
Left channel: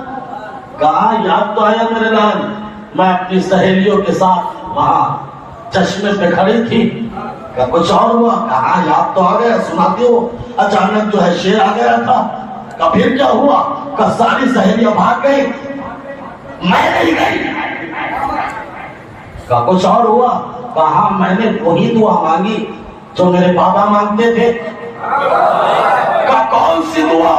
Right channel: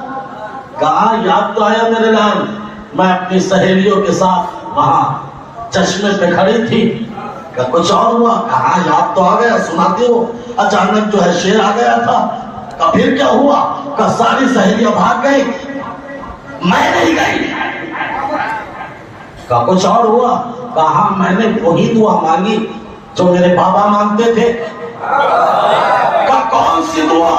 کہاں یاد تو آیا میرے لال. میں اپنی سہیلیوں کے ساتھ وہاں چشمے پہ کھڑی تھی کہ کچھ اور ہوا. کہاں یاد تو آ گیا، سناتے ہو. اچانک جو ہے شیر آ گیا تھا. کہ پھر کیا ہوا؟ کہ ساری سہیلیاں بھاگ گئی، میں نہیں گئی. کہ کچھ اور ہوا؟ کہاں میں نے وہی دعا مانگی جو میرے بابا مانگتے تھے. کہ کون سی دعا؟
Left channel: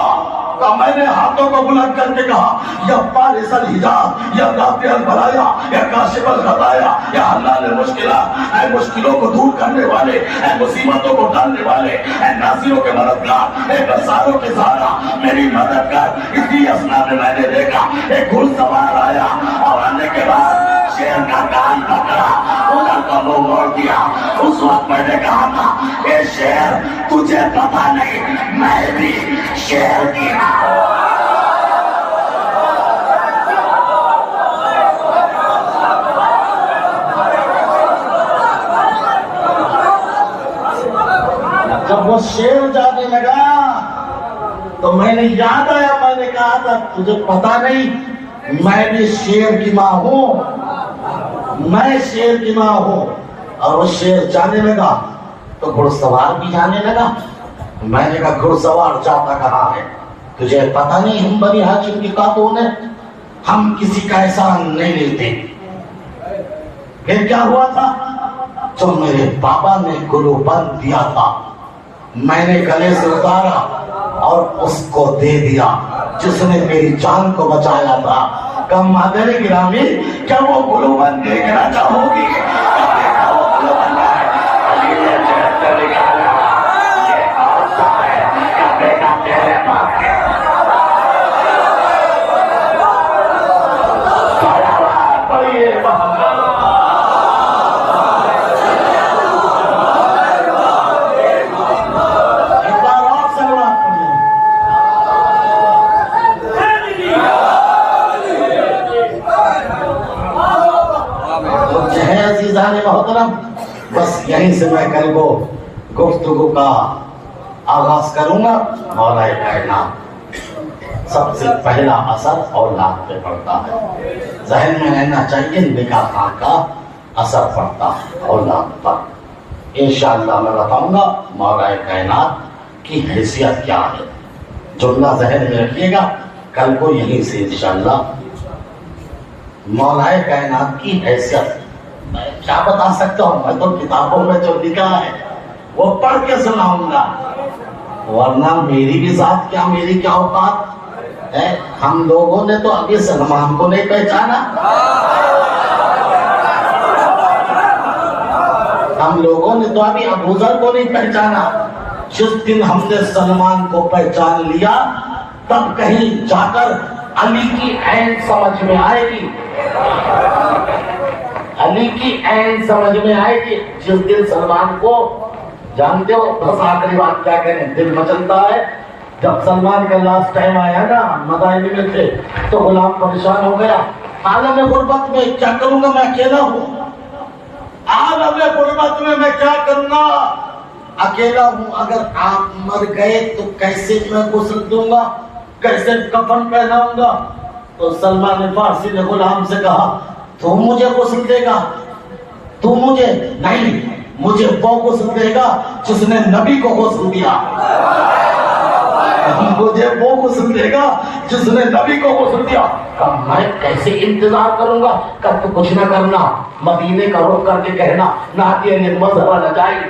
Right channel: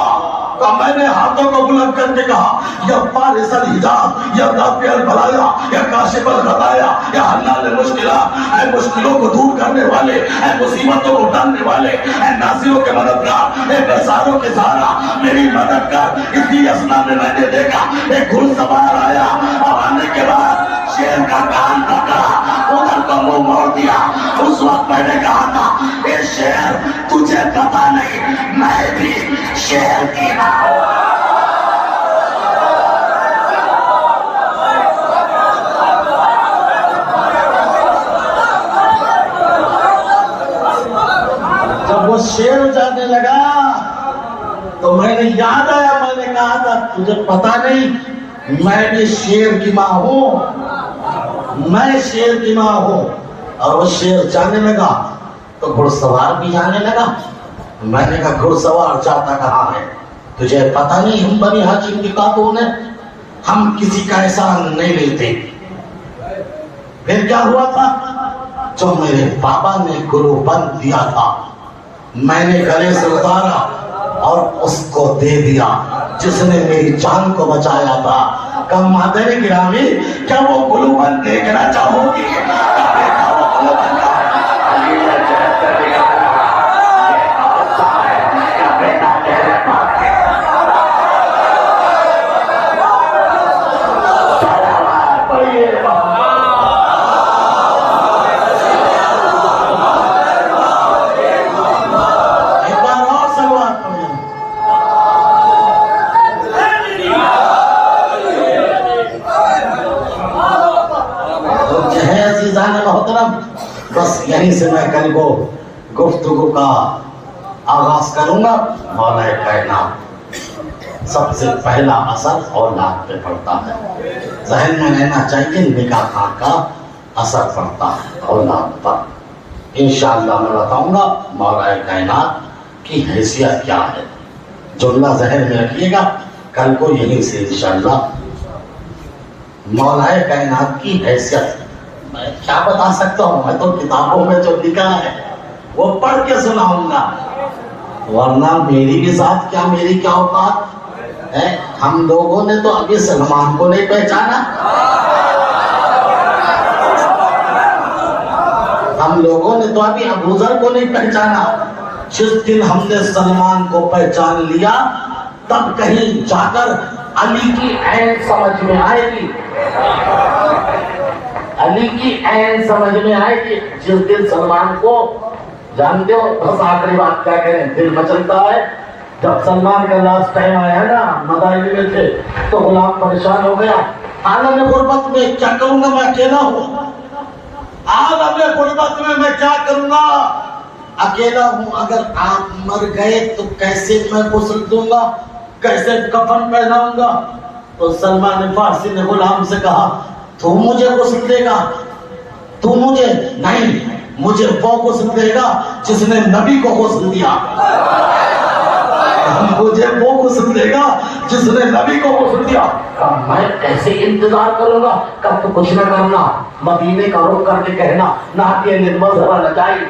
کہ میں نے ہاتھوں کو بلند کر کے کہا یا فارس الحجاب یا دافع البلایا یا کاشف الخطایا یا حلال المشکلات. اے مشکلوں کو دور کرنے والے، اے مصیبتوں کو ٹالنے والے، اے ناصروں کے مددگار، اے بیزاروں کے سہارا، میری مدد کر. اسی اسنا میں نے دیکھا ایک گھڑ سوار آیا اور آنے کے بعد شیر کا کان پکڑا، ادھر کو منہ موڑ دیا. اس وقت میں نے کہا تھا اے شیر تجھے پتا نہیں میں بھی شیر کی ماں ہوں. جب وہ شیر جانے لگا تو میں نے یاد آیا، میں نے کہا تھا تجھے پتا نہیں میں بھی شیر کی ماں ہوں، میں شیر کی ماں ہوں. اور وہ شیر جانے لگا تو گھڑ سوار بھی جانے لگا. میں نے کہا گھڑ سوار جاتا کہاں ہے؟ تجھے پتا نہیں ہم بنی ہاشم کی خاتون ہیں، ہم کسی کا احسان نہیں لیتے. پھر کیا ہوا تھا؟ جو میرے بابا نے گلو بند دیا تھا میں نے گلے سے اتارا اور اس کو دے دیا جس نے میری جان کو بچایا تھا. کہ مادر گرامی کیا وہ گلو بند دیکھنا چاہو گی؟ وہ گلو بند بس یہیں سے میں کل کو گفتگو کا آغاز کروں گا. مولا کائنات سب سے پہلا اثر اولاد پہ پڑتا ہے. ذہن میں رہنا چاہیے نکاح خاں کا اثر پڑتا ہے اولاد پر. انشاءاللہ میں بتاؤں گا مولا کائنات کی حیثیت کیا ہے. جملہ ذہن میں رکھیے گا کل کو یہیں سے انشاءاللہ مولا کائنات کی حیثیت میں کیا بتا سکتا ہوں. میں تو کتابوں میں جو لکھا ہے وہ پڑھ کے سناؤں گا, ورنہ میری بھی ذات کیا, میری کیا اوقات ہے. ہم لوگوں نے تو ابھی سلمان کو نہیں پہچانا, ہم لوگوں نے تو ابھی ابو ذر کو نہیں پہچانا. جس دن ہم نے سلمان کو پہچان لیا تب کہیں جا کر علی کی عین سمجھ میں آئے گی, علی کی عین سمجھ میں آئے گی. جس دن سلمان کو جانتے ہو, بس آخری بات کیا کہیں, دل مچلتا ہے. جب سلمان کا لاسٹ ٹائم آیا نا, مدائن میں تھے تو غلام پریشان ہو گیا. عالم غربت میں کیا کروں گا, میں اکیلا ہوں. عالم غربت میں کیا کروں گا, اکیلا ہوں. اگر آپ مر گئے تو کیسے میں غسل دوں گا, کیسے کفن پہناؤں گا. تو سلمان فارسی نے غلام سے کہا تو مجھے غسل دے گا, تو مجھے نہیں, مجھے وہ غسل دے گا جس نے نبی کو غسل دیا, مجھے وہ غسل دے گا جس نے نبی کو غسل دیا. میں کیسے انتظار کروں گا, کب تو کچھ نہ کرنا, مدینے کا رخ کر کے کہنا ناطیہ مظہر لجائی,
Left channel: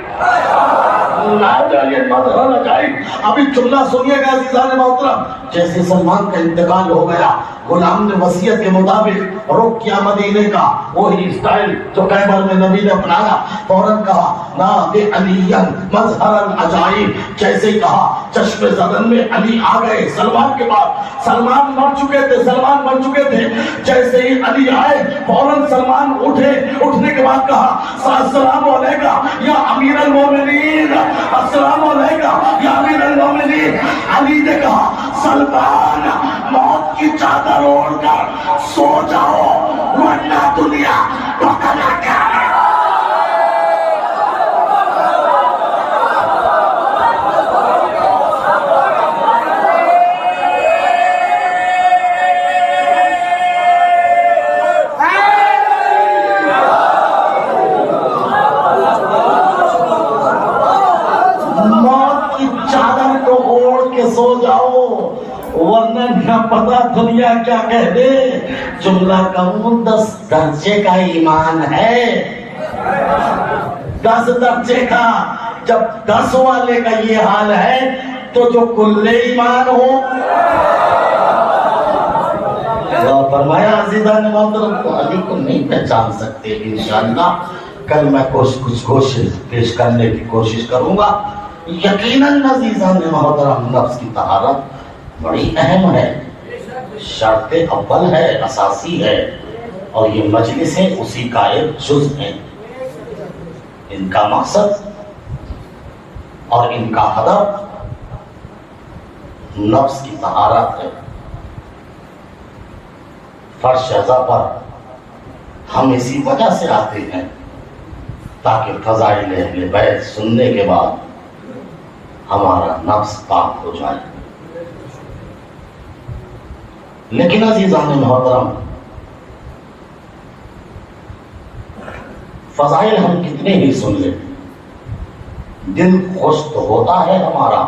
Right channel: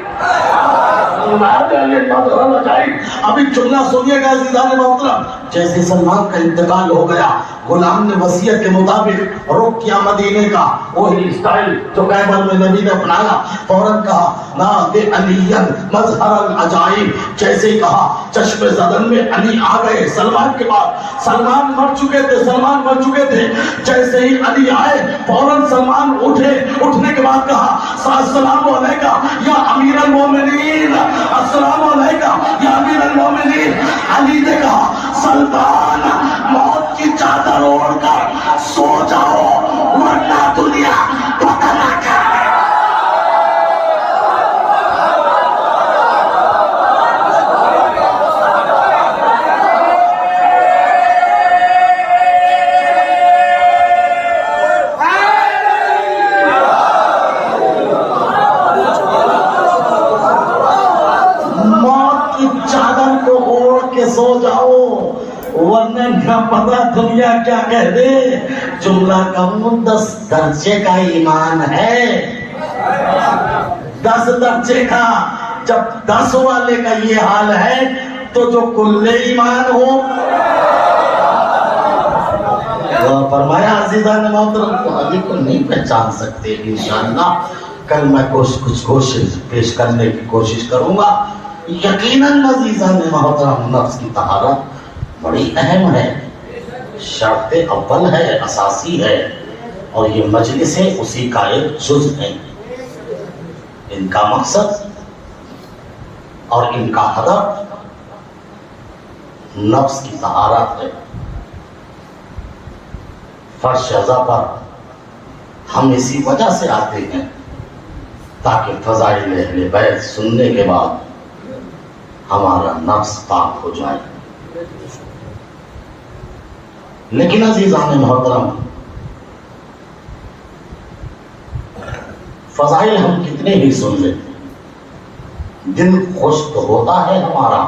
مظہر لجائی. ابھی جملہ سنیے گا عزیزان محترم. جیسے سلمان کا انتقال ہو گیا, غلام نے وصیت کے مطابق رخ کیا مدینے کا, وہی اسٹائل جو کیبل میں نبی نے اپنایا. فوراً کہا ناطیہ علی مظہر العجائب. جیسے ہی کہا چشم زدن میں علی آ گئے سلمان کے بعد. سلمان مر چکے تھے, سلمان مر چکے تھے. جیسے ہی علی آئے فوراً سلمان اٹھے. اٹھنے کے بعد کہا السلام علیکہ یا امیر المومنین, السلام علیکہ یا امیر المومنین. علی نے کہا سلمان موت کی چادر اوڑھ کر سو جاؤ ورنہ دنیا پتہ نہ کرے. سو جاؤ ورنہ نہ پتا دنیا کیا کہہ دے. جملہ کہوں 10 درجے کا ایمان ہے, 10 درجے کا. جب 10 والے کا یہ حال ہے تو جو کل ایمان ہو. فرمایا عزیزان محترم تو علی کو نہیں پہچان سکتے. انشاءاللہ کل میں کچھ کوشش پیش کرنے کی کوشش کروں گا. یقیناً عزیزان محترم نفس کی طہارت بڑی اہم ہے, شرط اول ہے, اساسی ہے, اور یہ مجلسیں اسی کا ایک جز ہیں. ان کا مقصد اور ان کا ہدف نفس کی طہارت ہے. فرش ازا پر ہم اسی وجہ سے آتے ہیں تاکہ فضائل اہل بیت سننے کے بعد ہمارا نفس پاک ہو جائے. لیکن عزیزان محترم فضائل ہم کتنے ہی سن لیں, دل خوش تو ہوتا ہے ہمارا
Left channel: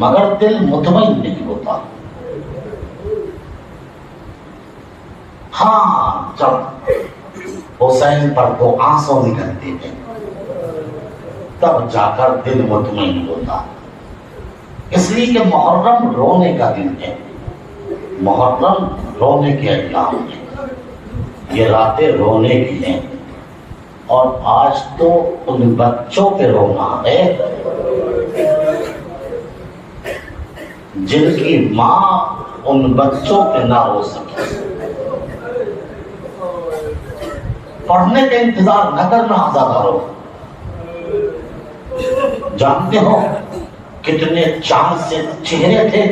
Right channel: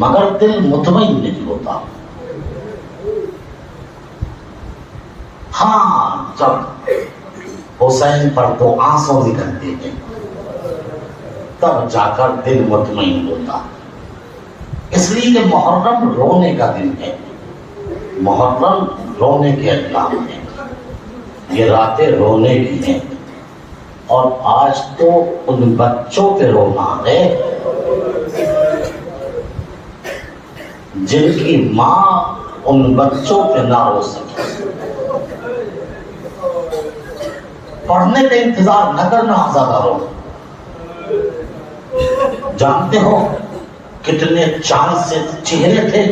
مگر دل مطمئن نہیں ہوتا. ہاں جب حسین پر 2 آنسو نکلتے ہیں تب جا کر دل مطمئن ہوتا. اس لیے کہ محرم رونے کا دن ہے, محرم رونے کے ایام ہیں, یہ راتیں رونے کی ہیں. اور آج تو ان بچوں پہ رونا ہے جن کی ماں ان بچوں پہ نہ رو سکے. پڑھنے کا انتظار نہ کرنا عزادارو. جانتے ہو کتنے چاند سے چہرے تھے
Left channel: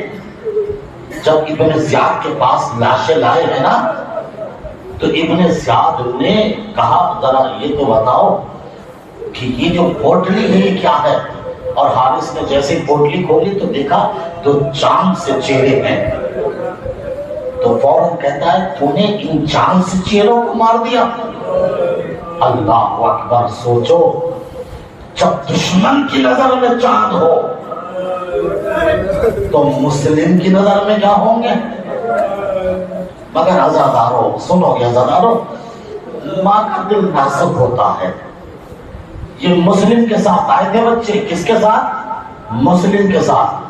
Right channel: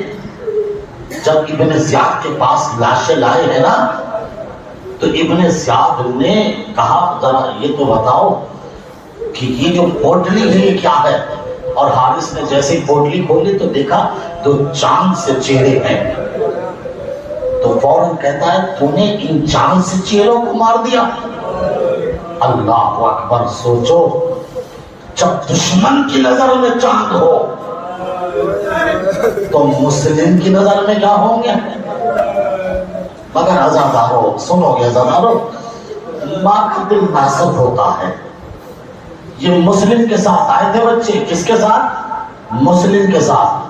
جب ابن زیاد کے پاس لاشیں لائے ہیں نا, تو ابن زیاد نے کہا ذرا یہ تو بتاؤ کہ یہ جو پوٹلی ہے یہ کیا ہے؟ اور حارث نے جیسے پوٹلی کھولی تو دیکھا تو چاند سے چہرے ہیں. تو فوراً کہتا ہے تو نے ان چاند سے چہروں کو مار دیا. اللہ اکبر. سوچو جب دشمن کی نظر میں چاند ہو تو مسلم کی نظر میں کیا ہوں گے؟ مگر عزادارو سنو گے عزادارو، ماں کا دل نازک ہوتا ہے. یہ مسلم کے ساتھ آئے تھے بچے. کس کے ساتھ؟ مسلم کے ساتھ.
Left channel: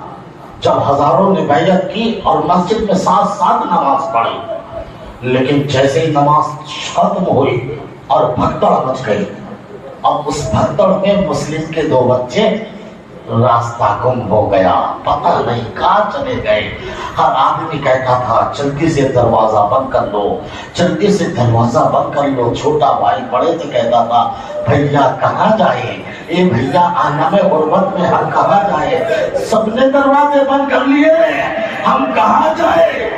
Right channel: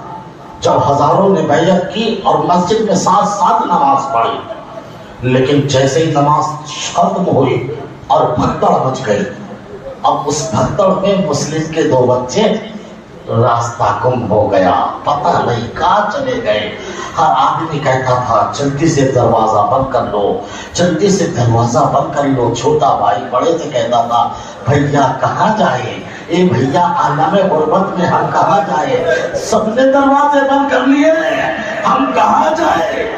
جب ہزاروں نے بیعت کی اور مسجد میں ساتھ ساتھ نماز پڑھی، لیکن جیسے ہی نماز ختم ہوئی اور بھگدڑ مچ گئی، اب اس بھگدڑ میں مسلم کے 2 بچے راستہ گم ہو گیا، پتہ نہیں کہاں چلے گئے. ہر آدمی کہتا تھا جلدی سے دروازہ بند کر لو، جلدی سے دروازہ بند کر لو. چھوٹا بھائی بڑے سے کہتا تھا بھیا کہاں جائیں؟ اے بھیا عالم غربت میں ہم کہاں جائیں؟ سب نے دروازے بند کر لیے، ہم کہاں جائیں؟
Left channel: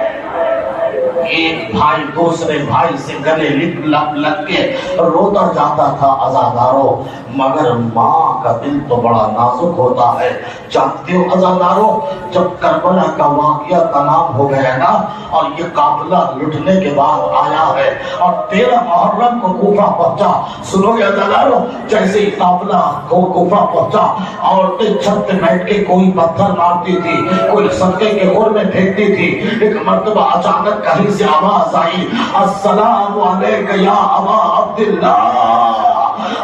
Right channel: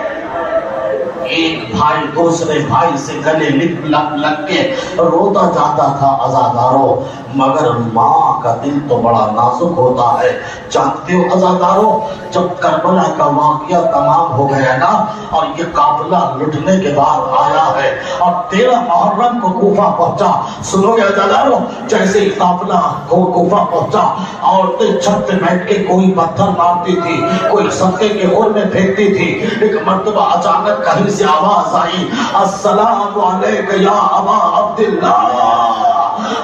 ایک بھائی دوسرے بھائی سے گلے لگ کے روتا جاتا تھا. عزادارو مگر ماں کا دل تو بڑا نازک ہوتا ہے. جانتے ہو عزادارو، جب کربلا کا واقعہ تمام ہو گیا نا اور یہ قافلہ لٹنے کے بعد آیا ہے اور 13 محرم کو کوفہ پہنچا. سنو گے عزادارو، جیسے ہی قافلہ کوفہ پہنچا عورتیں چھت پہ بیٹھ کے کوئی پتھر مارتی تھی، کوئی صدقے کے خور میں پھینکتی تھی. ایک مرتبہ اچانک کہیں سے آواز آئی السلام علیک یا ابا عبداللہ،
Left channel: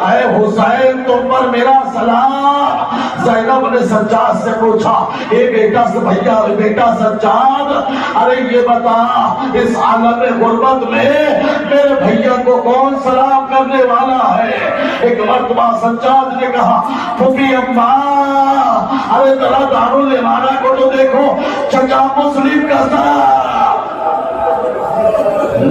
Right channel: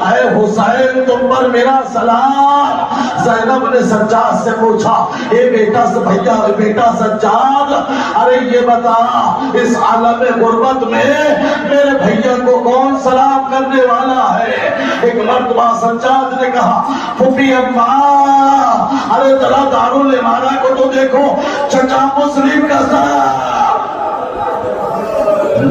اے حسین تم پر میرا سلام. زینب نے سجاد سے پوچھا اے بیٹا بھیا بیٹا سجاد، ارے یہ بتا اس عالم غربت میں میرے بھیا کو کون سلام کرنے والا ہے؟ ایک مرتبہ سجاد نے کہا پھوپھی اماں، ارے ذرا دارالامانہ کو تو دیکھو، چچا مسلم کا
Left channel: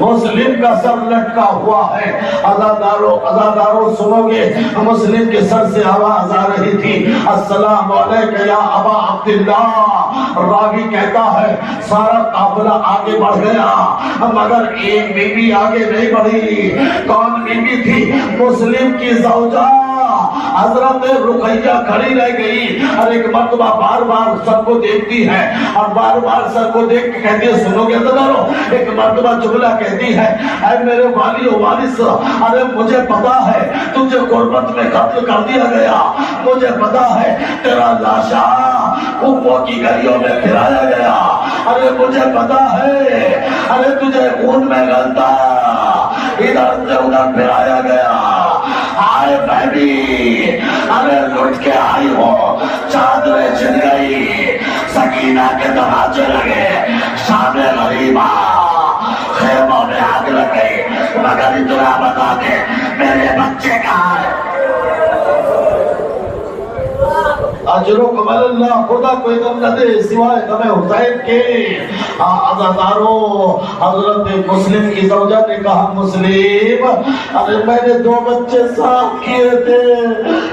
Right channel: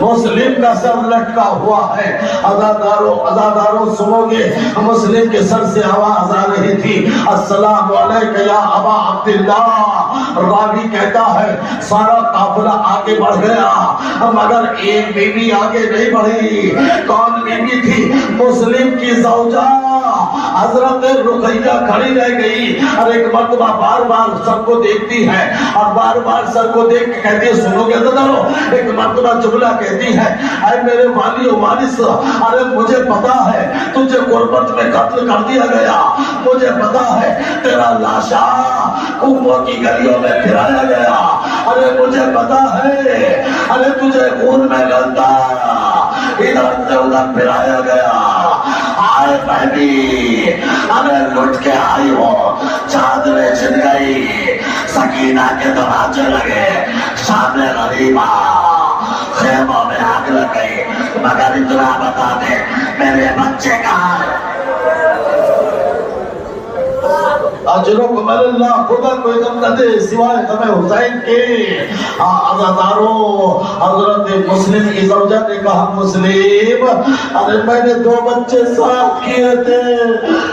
مسلم کا سر لٹکا ہوا ہے. عزادارو سنو گے، مسلم کے سر سے آواز آ رہی تھی السلام علیک یا ابا عبداللہ. راوی کہتا ہے سارا قافلہ آگے بڑھ گیا مگر ایک بیوی آگے نہیں بڑھی. کون بیوی تھی؟ مسلم کی زوجہ حضرت رقیہ کھڑی رہ گئی اور ایک مرتبہ بار بار سب کو دیکھتی ہے اور بار بار سب کو دیکھ کے کہتی ہے سنو گے عزادارو، ایک مرتبہ جملہ کہتی ہے اے میرے والی و وارث، ارے مجھے پتا ہے تجھے غربت میں قتل کر دیا گیا، مجھے پتا ہے تیرا لاشا کوفہ کی گلیوں میں پھرایا گیا، ارے مجھے پتا ہے ارے تجھے خون میں گلتا ادھر سے ادھر پھرایا گیا. آئے بہنی، ارے لٹ کے آئی ہو، چادریں چھن گئی، سکینہ کے دروازے لگے، شام غریبہ خیموں میں آگ لگ گئی، مگر اتنا بتا دے میرے بچے کہاں ہے؟ اجرکم اللہ، خدا کوئی غم نہ دے سوائے غم حسین کے. عزادارو حضرت مسلم کی زوجہ نے کہا مسلم، ارے میں نے 2 بچے ساتھ کیے تھے،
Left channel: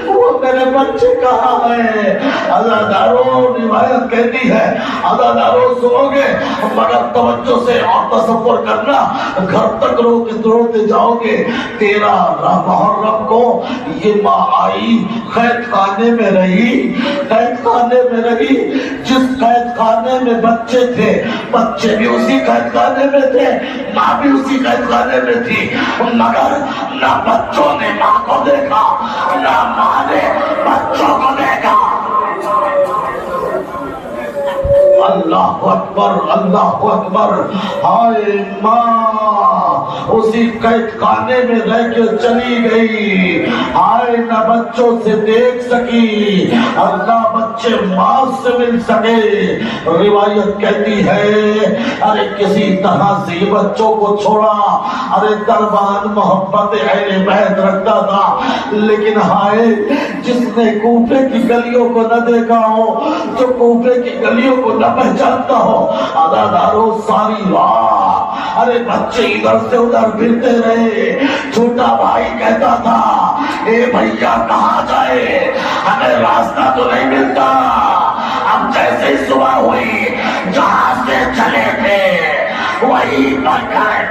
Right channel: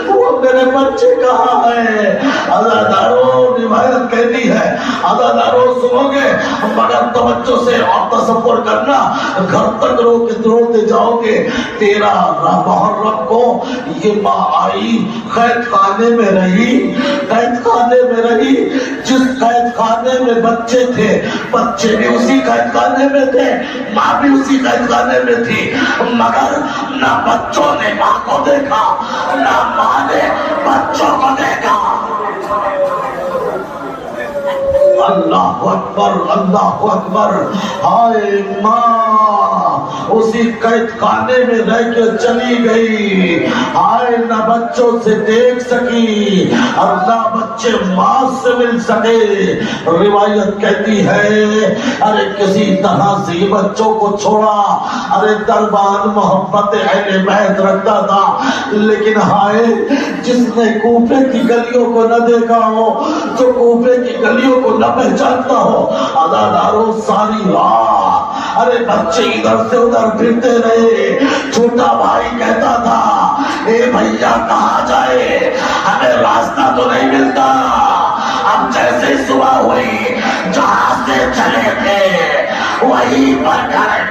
وہ میرے بچے کہاں ہیں؟ عزادارو روایت کہتی ہے، عزادارو سنو گے مگر توجہ سے اور تصور کرنا، گھر تک روتے جاؤ گے. 13 محرم کو یہ ماں آئی، قید خانے میں رہی، قید خانے میں رہی. جس قید خانے میں بچے تھے بچے بھی اسی قید خانے میں تھے، ماں بھی اسی قید خانے میں تھی، مگر نہ بچوں نے ماں کو دیکھا نہ ماں نے بچوں کو دیکھا. اللہ اکبر اللہ اکبر. ہائے ماں اسی قید خانے میں رہ کے چلی گئی، ہائے نہ بچوں سے دیکھ سکی اور نہ بچے ماں سے مل سکے. روایت کہتی ہے ارے کسی طرح سے یہ بچوں کو چھوڑا. ارے دربان محبت اہل بیت رکھتا تھا، لیکن ہائے جس نے کوفے کی گلیوں کو نہ دیکھا ہو، جو کوفے کی گلیوں کو نہ پہچانتا ہو. عزادارو ساری راہ ارے بچے ادھر سے ادھر پھرتے رہے. چھوٹا بھائی کہتا تھا اے بھیا کہاں جائے، ہمیں راستہ تو نہیں ملتا. اب جیسے صبح ہوئی جہاں سے چلے تھے وہی پر گئے،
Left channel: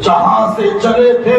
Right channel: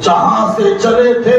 جہاں سے چلے تھے